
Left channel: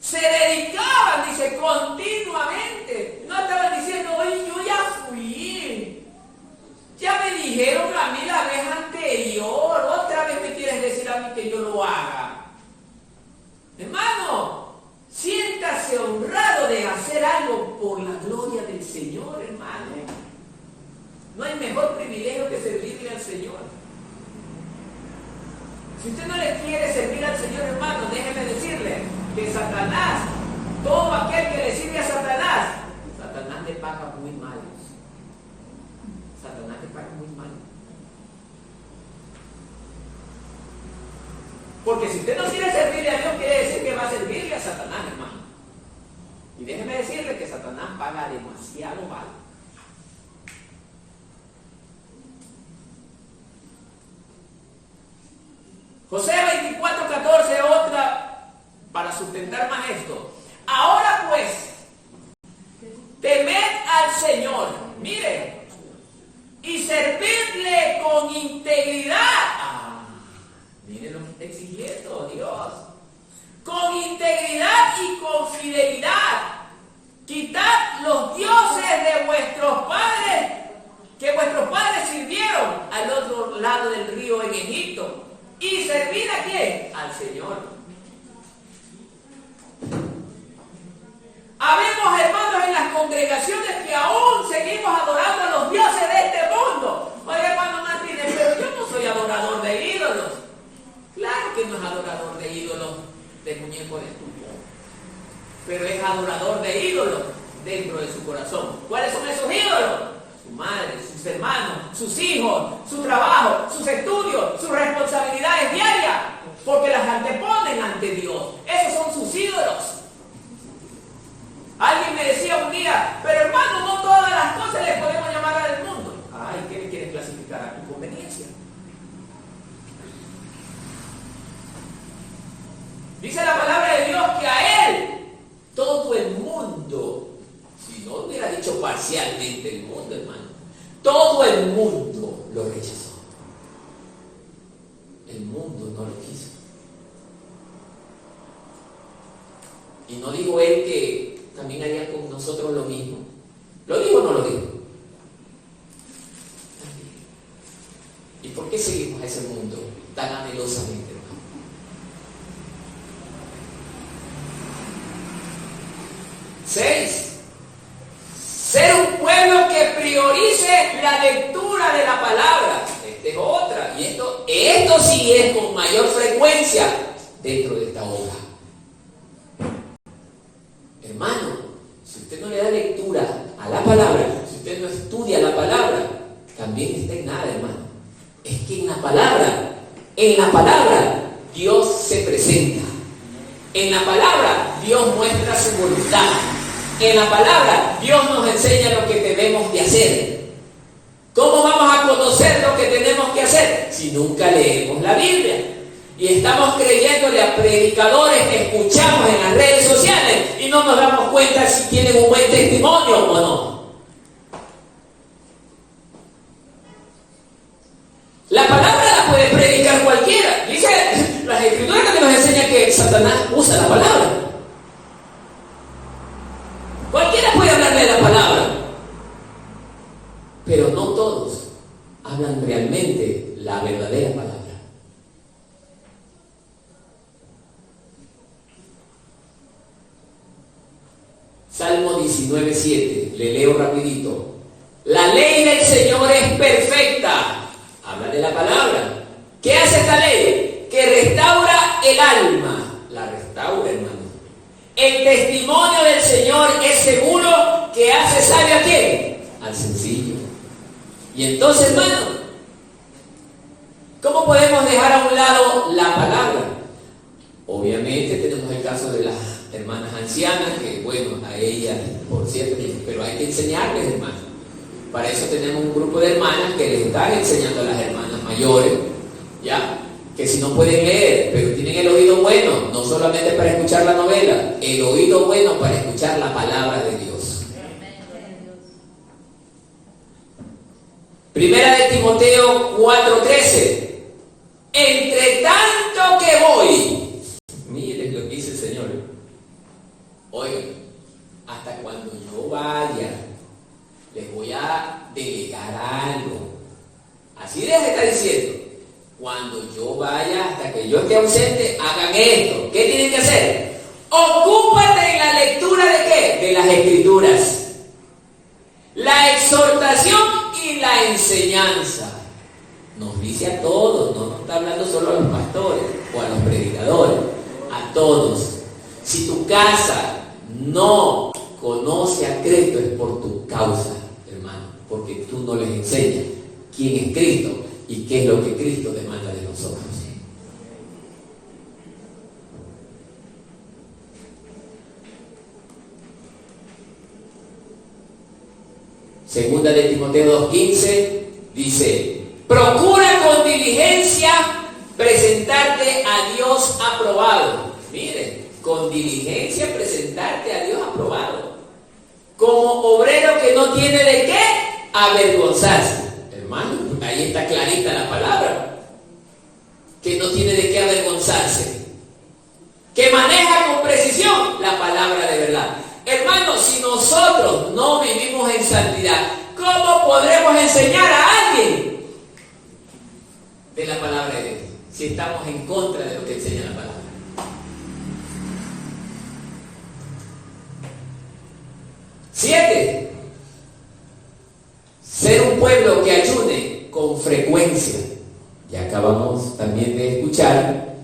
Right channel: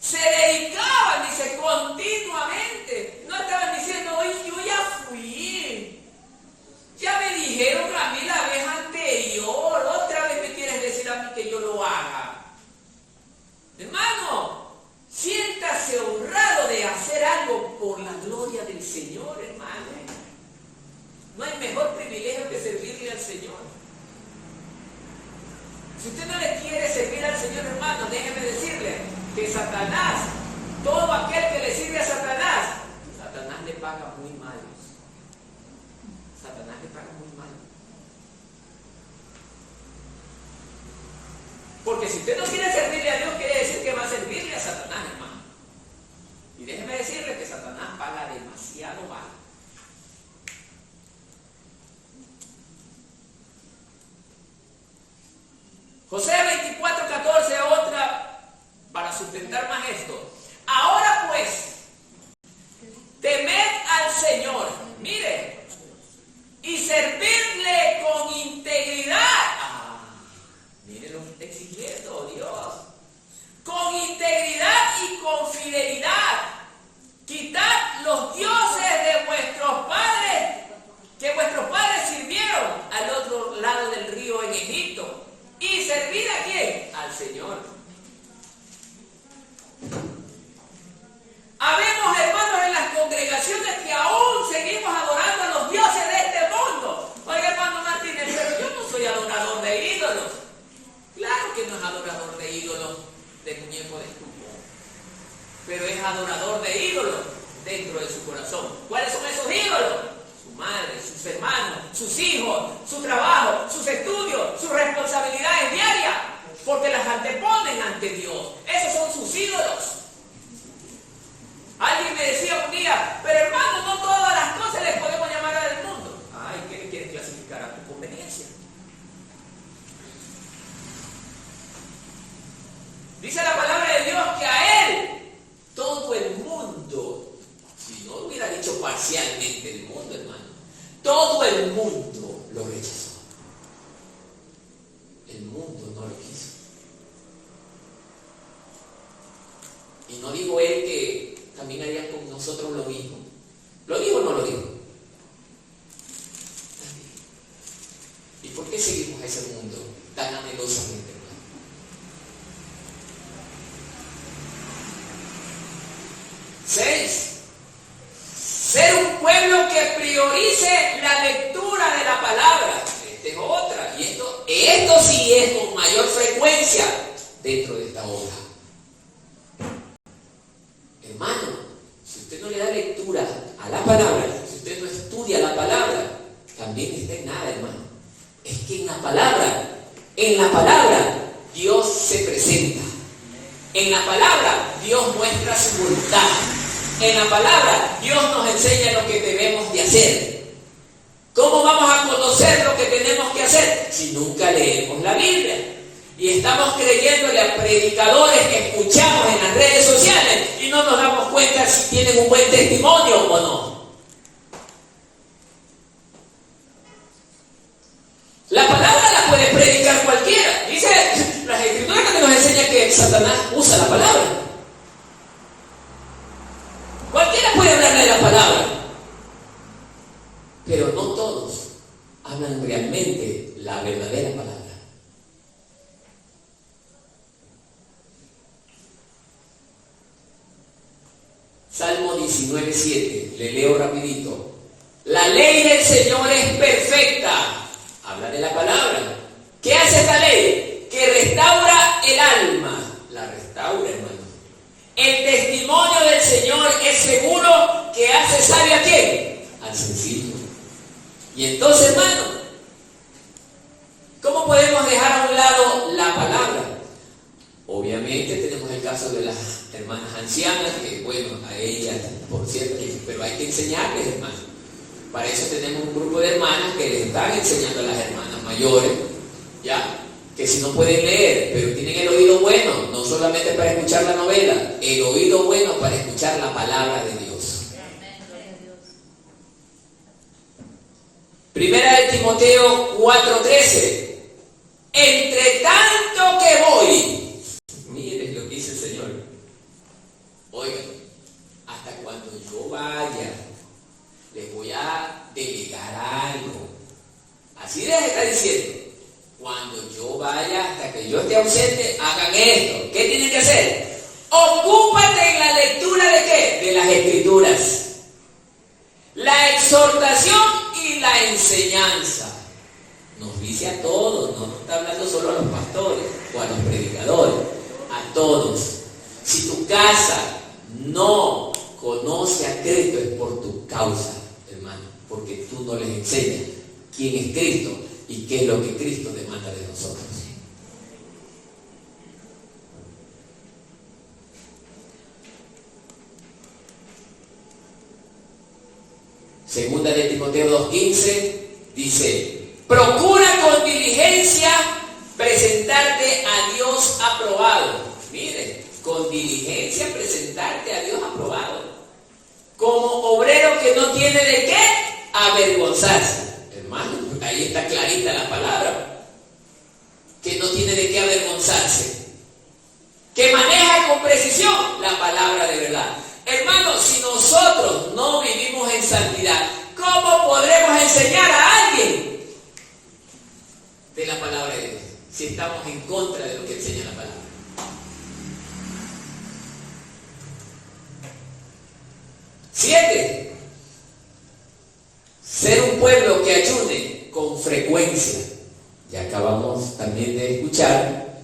Se dedicaban, dice, continuamente. No estaban diciendo, oye, yo ya fui. Ya me dijeron a mí la vez anterior. Otra vez me quieres decir a mí que yo lo haga. Hermano, siéntase honrado de hacer algo por la gloria del Señor, hermano. No hay mejor privilegio que servirle al Señor. Si usted no le quiere servir al Señor, hermano, déjeme decirle que Satanás, todo aquel que le sirve a Satanás, Satanás le paga muy mal. Satanás le paga muy mal. Porque si usted no quiere servirle a Dios, quiere decir que va a servirle a Satanás, hermano. Y déjeme decirle que Satanás paga demasiado mal. José 24:14, otra para sustentar más esto. Ahora pues, temed al Señor, mire, y servidle con integridad. Mire lo que está exigiendo Dios. Con integridad y con fidelidad. Quitad los dioses de vuestros padres, que vuestros padres sirvieron al otro lado del río en Egipto. ¿Y servir a quién? Al Señor. Habemos hermanos en las congregaciones que aún seguimos adorando a los dioses de este mundo. Oiga, hermano Martínez, pero yo no soy adorador de ídolos. Claro que no es adorador de ídolos de muñeco de estuco, pero es adorador de ídolos dentro de su corazón. ¿Cuáles son esos ídolos? Su madre, sus hermanos, sus hijos, su trabajo, sus estudios, sus responsabilidades diarias, porque las anteponen ante Dios. Esos son sus ídolos. Alguien me decía un día, pero hermano, no todas las cosas les podemos llamar al mundo. Ay, ¿qué le quieres clasificar a tu conveniencia? Dice la palabra de Dios que a Él todo el mundo, si no hubiera dicho parcialmente el mundo, hermano, todo el mundo lo rechazó. El mundo no lo quiso. Y no dijo Él que también haría con nosotros lo mismo. ¿Lo dijo o no lo dijo? ¿Y por qué seguimos a ese mundo tan anhelosamente, hermano? Ser un pueblo que priorice la lectura de la palabra. Esta es otra. Y esto sí es con mayor frecuencia dentro de esta obra. Hermano, si usted no le da lectura a la palabra, si usted no estudia la palabra, también está en nada, hermano. Es que en la palabra, Dios se presenta. En la palabra, Dios muestra su voluntad. En la palabra, Dios nos enseña lo que debemos de hacer. ¿Cómo vamos a conocer lo que tenemos que hacer? Si nunca leemos la Biblia. Y estamos creyéndole a predicadores que escuchamos en las redes sociales y no nos damos cuenta si tienen un buen testimonio o no. La palabra la puede predicar cualquiera. Dice las escrituras que nos enseñan que Satanás usa la palabra. Cualquiera puede hablarle de la palabra, pero no todos hablan realmente la verdadera palabra. Salmo 19:7, le leo rapidito. La ley del Señor es perfecta. Habla de la palabra. ¿Qué hace esta ley? Que restaura el alma. La restaura, hermano. El testimonio del Señor es seguro, que hace sabio a quién? Al sencillo. Y entonces, hermano, ¿cómo podemos dejar a un lado la palabra? Obviamente tenemos el caso de las hermanas ancianas, que bueno, a ellas, por cierto, pero hay que enseñarles, hermanos. Para eso tenemos un grupo de hermanas que les están enseñando a las hermanas mayores, ¿ya? Que si no pueden leer, pero tienen el oído bueno, no solamente para escuchar la novela, el oído bueno para escuchar la palabra de Dios. Primera de Timoteo 4:13. Entre tanto que voy, miren lo que dice el Señor. Oigan, hasta cuando yo vaya, les voy a delegar algo. Así les está diciendo. Cuando yo vaya, hasta que yo esté ausente, hagan esto. ¿Qué tienen que hacer? Ocúpate en la lectura ¿de qué? De las Escrituras. La exhortación y la enseñanza. Nos dice a todos, no nos está hablando solo a los pastores o a los predicadores, a todos. Si tu casa no conoce a Cristo es por tu causa, hermano, porque tú no les enseñas quién es Cristo y qué es lo que Cristo demanda de nosotros. Segunda de Timoteo 2:15 dice: procura con diligencia presentarte a Dios aprobado. Mire, con diligencia presentarte a Dios aprobado, como obrero que no tiene de qué avergonzarse. Hermano, ahí está clarita la palabra, que no tiene de qué avergonzarse, que maneja con precisión la palabra de verdad. Hermano, si nosotros no vivimos en santidad, ¿cómo podremos enseñar a alguien de la palabra de Dios si estamos en contra de lo que enseña la palabra? Siete, ser un pueblo que ayune con frecuencia. Ya acabamos también de escuchar,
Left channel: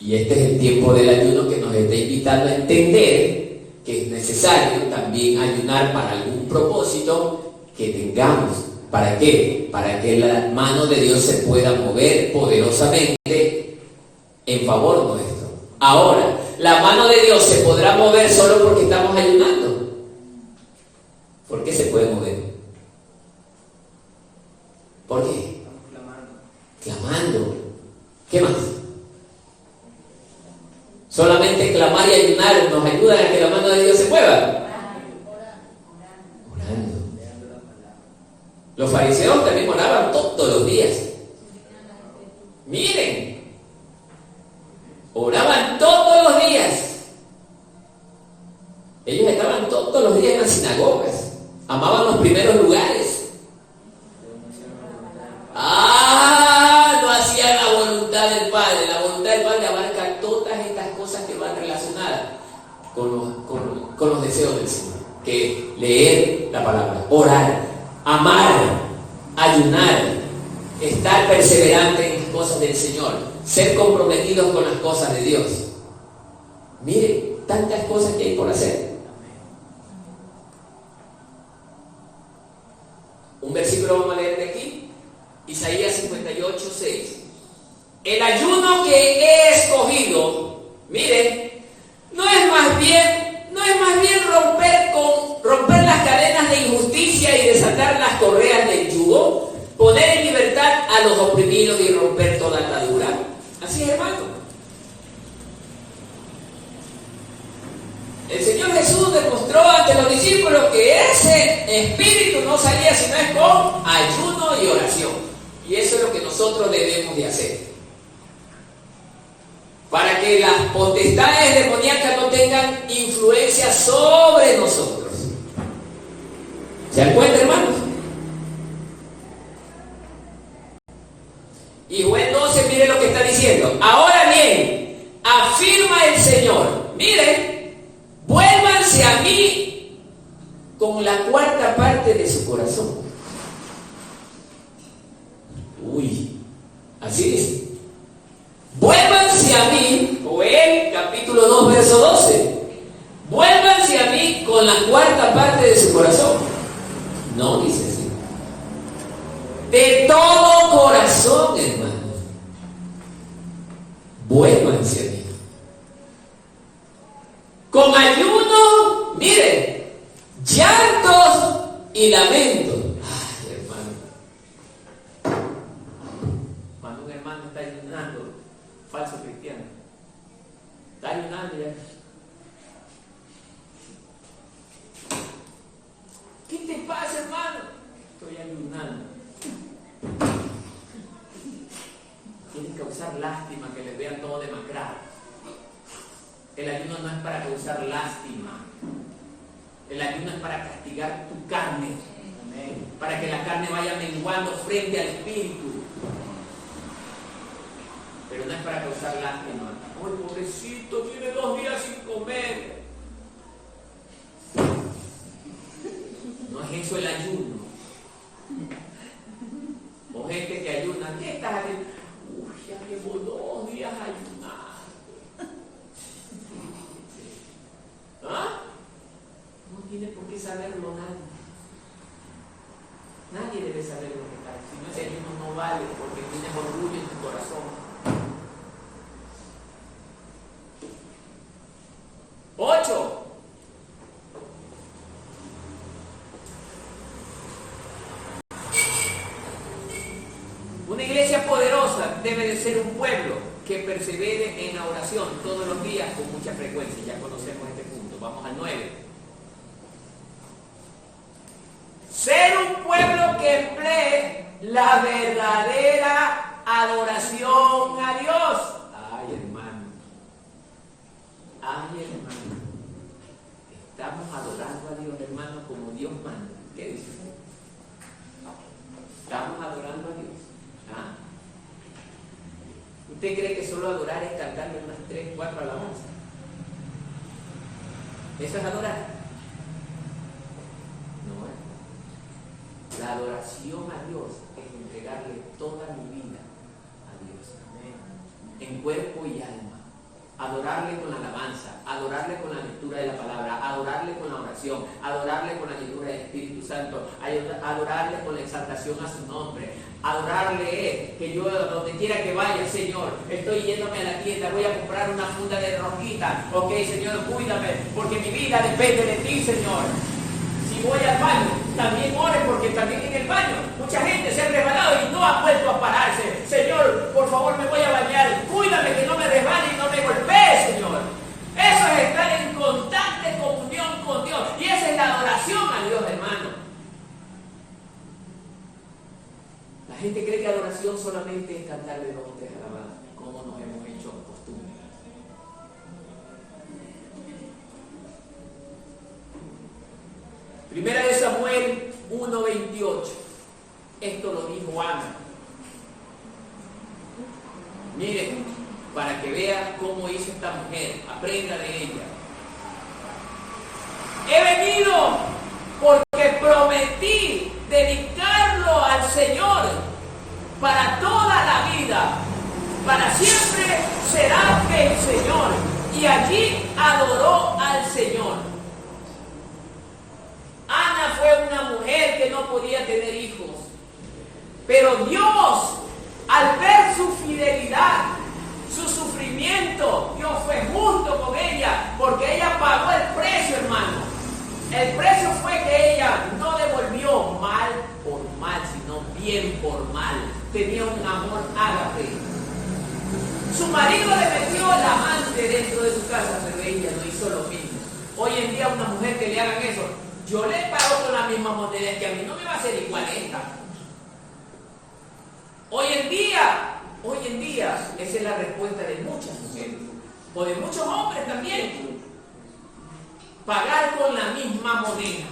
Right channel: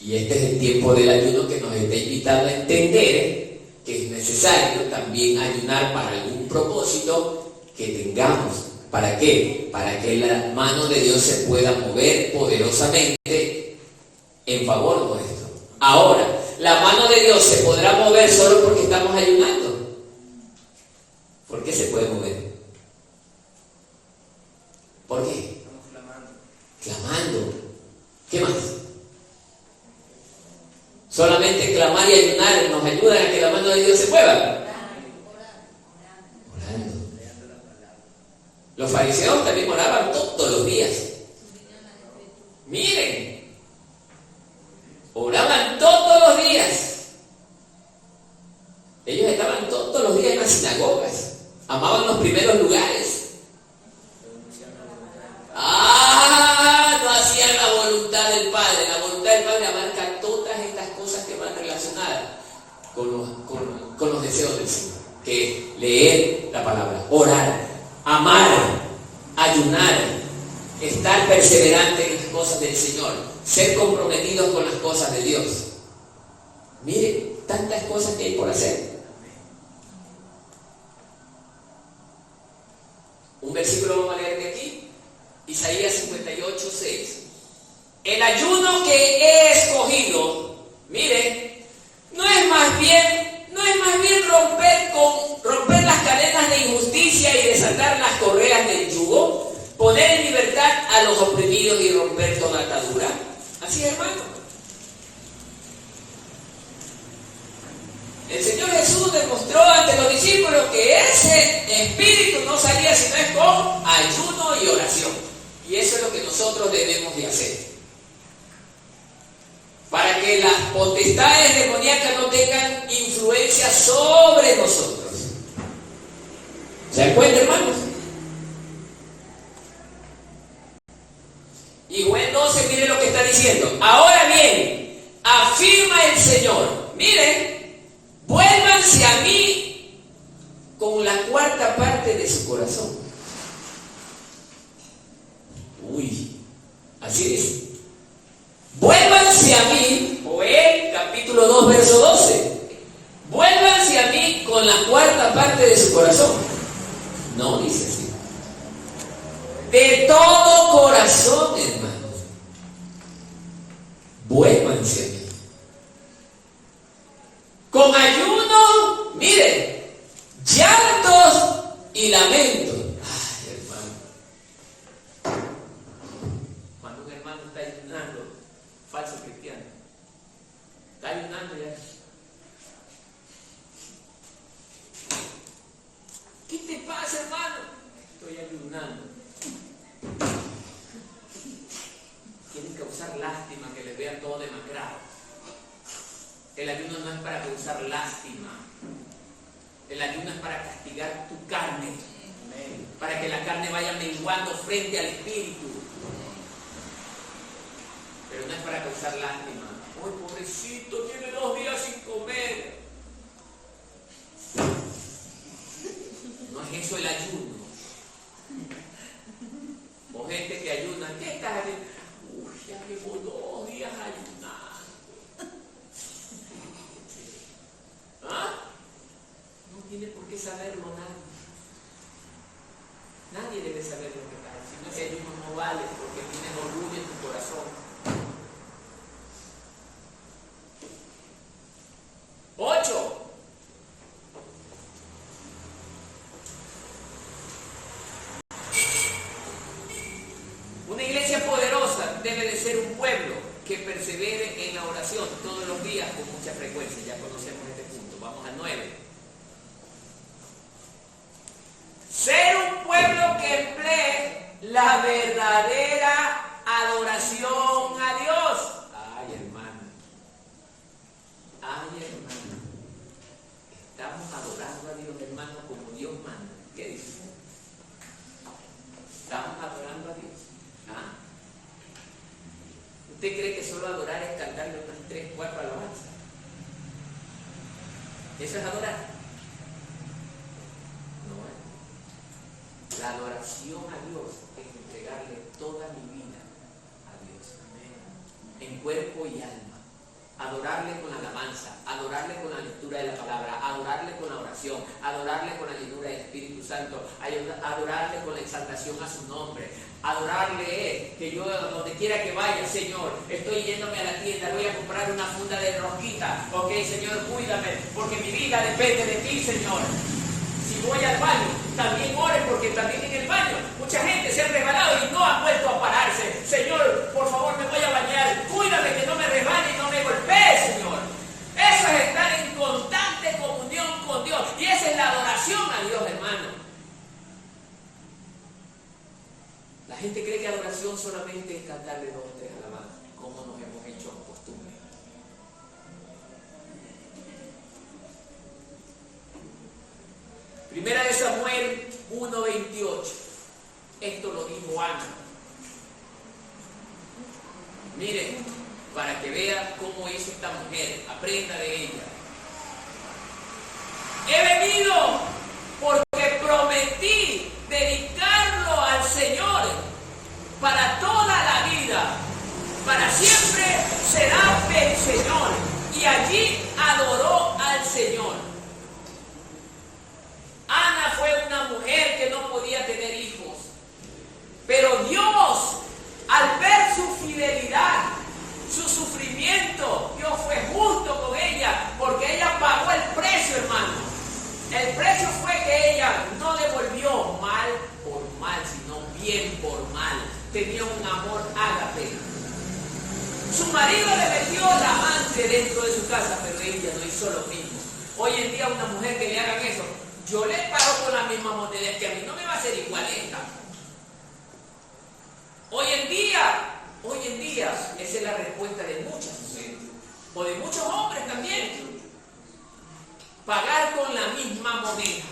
y este es el tiempo del ayuno que nos está invitando a entender que es necesario también ayunar para algún propósito que tengamos. ¿Para qué? Para que la mano de Dios se pueda mover poderosamente en favor nuestro. Ahora, ¿la mano de Dios se podrá mover solo porque estamos ayunando? ¿Por qué se puede mover? ¿Por qué? Clamando. ¿Qué más? Solamente clamar y ayunar nos ayuda a que la mano de Dios se mueva. Orando. Los fariseos también oraban todos los días. Miren, oraban todos los días. Ellos estaban todos los días en las sinagogas. Amaban los primeros lugares. No hacían la voluntad del Padre. La voluntad del Padre abarca todas estas cosas que van relacionadas con los deseos del Señor, que es leer la palabra, orar, amar, ayunar, estar perseverante en las cosas del Señor, ser comprometidos con las cosas de Dios. Mire, tantas cosas que hay por hacer. Un versículo vamos a leer de aquí, Isaías 58:6. El ayuno que he escogido, miren, no es más bien romper las cadenas de injusticia y desatar las correas del yugo, poner en libertad a los oprimidos y romper toda atadura. Así es, hermano. El Señor Jesús demostró ante los discípulos que ese espíritu no salía sino es con ayuno y oración. Y eso es lo que nosotros debemos de hacer, para que las potestades demoníacas no tengan influencia sobre nosotros. ¿Se dan cuenta, hermanos? Y Joel 12, mire lo que está diciendo. Ahora bien, afirma el Señor, miren, vuélvanse a mí con la cuarta parte de su corazón. Así dice. Vuélvanse a mí, Joel capítulo 2, verso 12. Vuélvanse a mí con la cuarta parte de su corazón. No dice así. De todo corazón, hermanos. Vuélvanse a mí. Con ayuno, miren, llantos y lamentos. Ay, hermano. Cuando un hermano está ayunando, falso cristiano, está ayunando ya. ¿Qué te pasa, hermano? Estoy ayunando. Quieren causar lástima, que les vean todo demacrado. El ayuno no es para causar lástima. El ayuno es para castigar tu carne. Amén. Para que la carne vaya menguando frente al espíritu. Pero no es para causar lástima. ¡Ay, pobrecito! Tiene 2 días sin comer. No es eso el ayuno. O gente que ayuna. ¿Qué estás haciendo? Uy, ya llevo 2 días ayunando. ¿Ah? No tiene por qué saberlo nadie. Nadie debe saber lo que cae. Si no, ese ayuno no vale, porque tienes orgullo en tu corazón. 8. pueblo que persevere en la oración todos los días con mucha frecuencia. Ya conocemos este punto. Vamos al 9. Ser un pueblo que emplee la verdadera adoración a Dios. Ay, hermano. Ay, hermano. Estamos adorando a Dios, hermano, como Dios manda. ¿Qué dice? Estamos adorando a Dios. ¿Ah? ¿Usted cree que solo adorar es cantarle unas 3, 4 alabanzas? ¿Eso es adorar? No. La adoración a Dios es entregarle toda mi vida a Dios. En cuerpo y alma. Adorarle con la alabanza, adorarle con la lectura de la palabra, adorarle con la oración, adorarle con la llenura del Espíritu Santo, adorarle con la exaltación a su nombre. Adorarle que yo donde quiera que vaya, Señor, estoy yéndome a la tienda, voy a comprar una funda de rosquita. Ok, Señor, cuídame, porque mi vida depende de ti, Señor. Si voy al baño, también ore, porque también en el baño mucha gente se ha resbalado y no ha vuelto a pararse. Señor, por favor, me voy a bañar. Cuídame que no me resbale y no me golpee, Señor. Eso es estar en constante comunión con Dios. Y esa es la adoración a Dios, hermano. La gente cree que adoración solamente es cantarle 2 o 3 alabanzas, como nos hemos hecho costumbre. Primera de Samuel 1:28. Esto lo dijo Ana. Miren, para que vean cómo hizo esta mujer, aprenda de ella. He venido porque prometí dedicarlo al Señor para toda la vida. Para siempre será del Señor. Y allí adoró al Señor. Ana fue una mujer que no podía tener hijos. Pero Dios, al ver su fidelidad, su sufrimiento, Dios fue justo con ella, porque ella pagó el precio, hermano. El precio fue que ella no devolvió mal por mal, sino bien por mal. Tenía un amor ágape. Su marido le metió la amante dentro de su casa, pero ella no hizo lo mismo. Hoy en día una mujer que le hagan eso, yo le pago con la misma moneda, que a mí no me va a ser igual esta. Hoy en día, esa es la respuesta de muchas mujeres, o de muchos hombres también. Pagar con la misma moneda,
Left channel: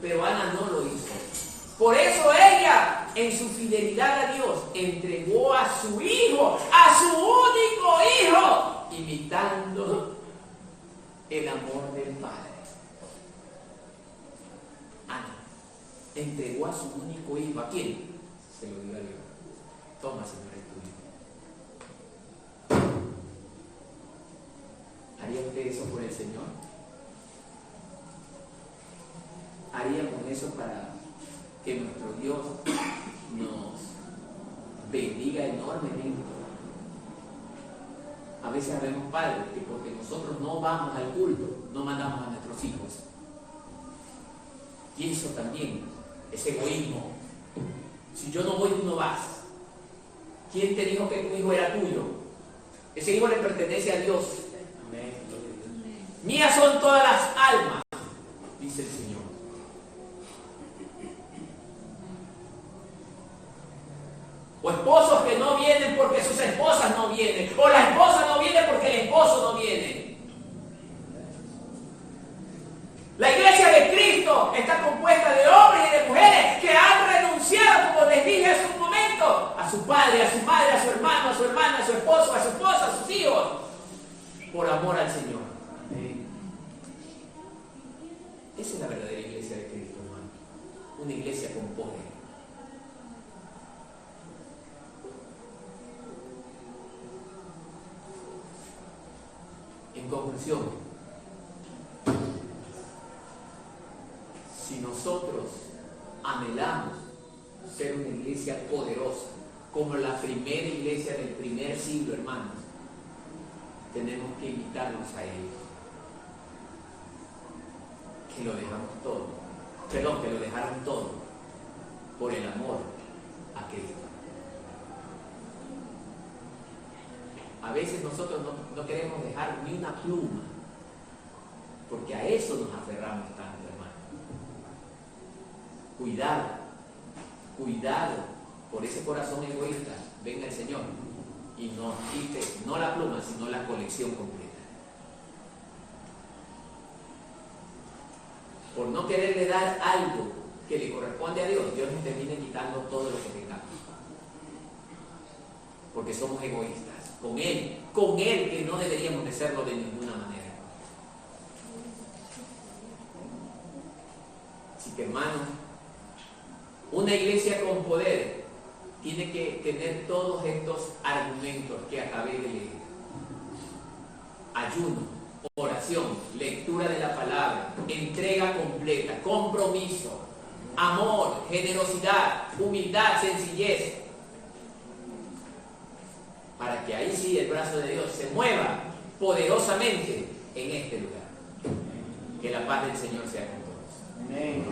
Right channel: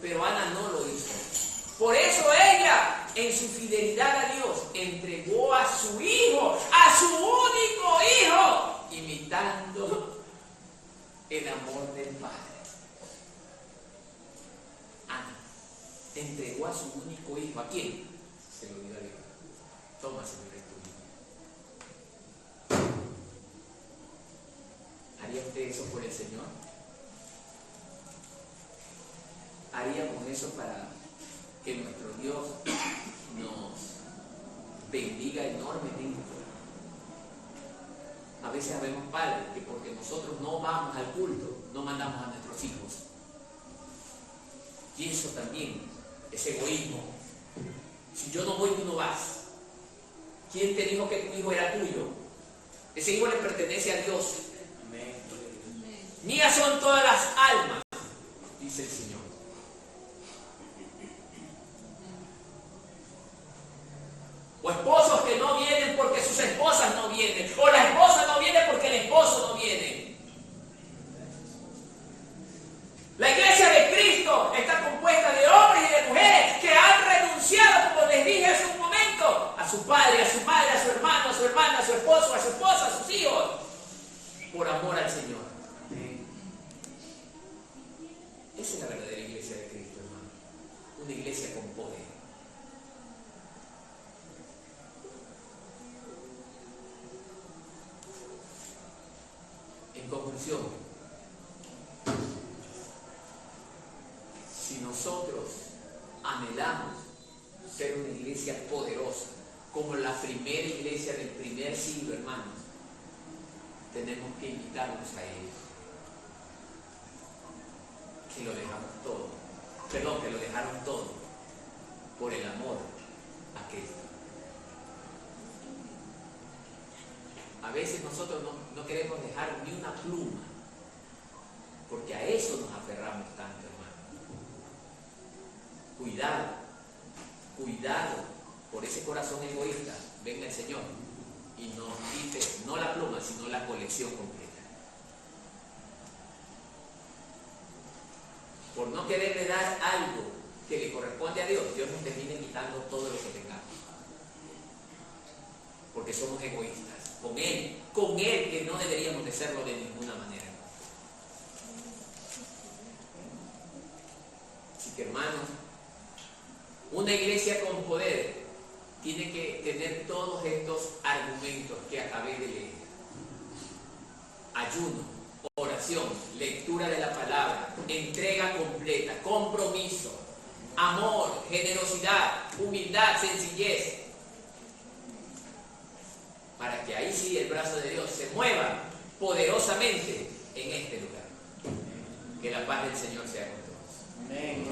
pero Ana no lo hizo. Por eso ella, en su fidelidad a Dios, entregó a su hijo, a su único hijo, imitando el amor del Padre. Ana entregó a su único hijo. ¿A quién? Se lo dio a Dios. Toma, Señor, es tu hijo. ¿Haría usted eso por el Señor? ¿Haríamos eso para que nuestro Dios nos bendiga enormemente? A veces sabemos, padres, que porque nosotros no vamos al culto, no mandamos a nuestros hijos. Y eso también es egoísmo. Si yo no voy, tú no vas. ¿Quién te dijo que tu hijo era tuyo? Ese hijo le pertenece a Dios. Mías son todas las almas, dice el Señor. O esposos que no vienen porque sus esposas no vienen. O la esposa no viene porque el esposo no viene. La iglesia de Cristo está compuesta de hombres y de mujeres que han renunciado, como les dije hace un momento, a su padre, a su madre, a su hermano, a su hermana, a su esposo, a su esposa, a sus hijos, por amor al Señor. Esa es la verdadera iglesia de Cristo, hermano. Una iglesia con poder. En conclusión, si nosotros anhelamos ser una iglesia poderosa, como la primera iglesia del primer siglo, hermanos, tenemos que invitarnos a ellos. Que lo dejamos todo, que lo dejaron todo por el amor a Cristo. a veces nosotros no queremos dejar ni una pluma, porque a eso nos aferramos tanto, hermano. Cuidado, cuidado por ese corazón egoísta. Venga el Señor y nos quite no la pluma, sino la colección completa. Por no quererle dar algo que le corresponde a Dios, Dios nos termina quitando todo lo que tengamos. Porque somos egoístas. Con Él que no deberíamos de serlo de ninguna manera. Así que, hermanos, una iglesia con poder tiene que tener todos estos argumentos que acabé de leer. Ayuno, oración, lectura de la palabra, entrega completa, compromiso, amor, generosidad, humildad, sencillez. Para que ahí sí el brazo de Dios se mueva poderosamente en este lugar. Que la paz del Señor sea con todos. Amén.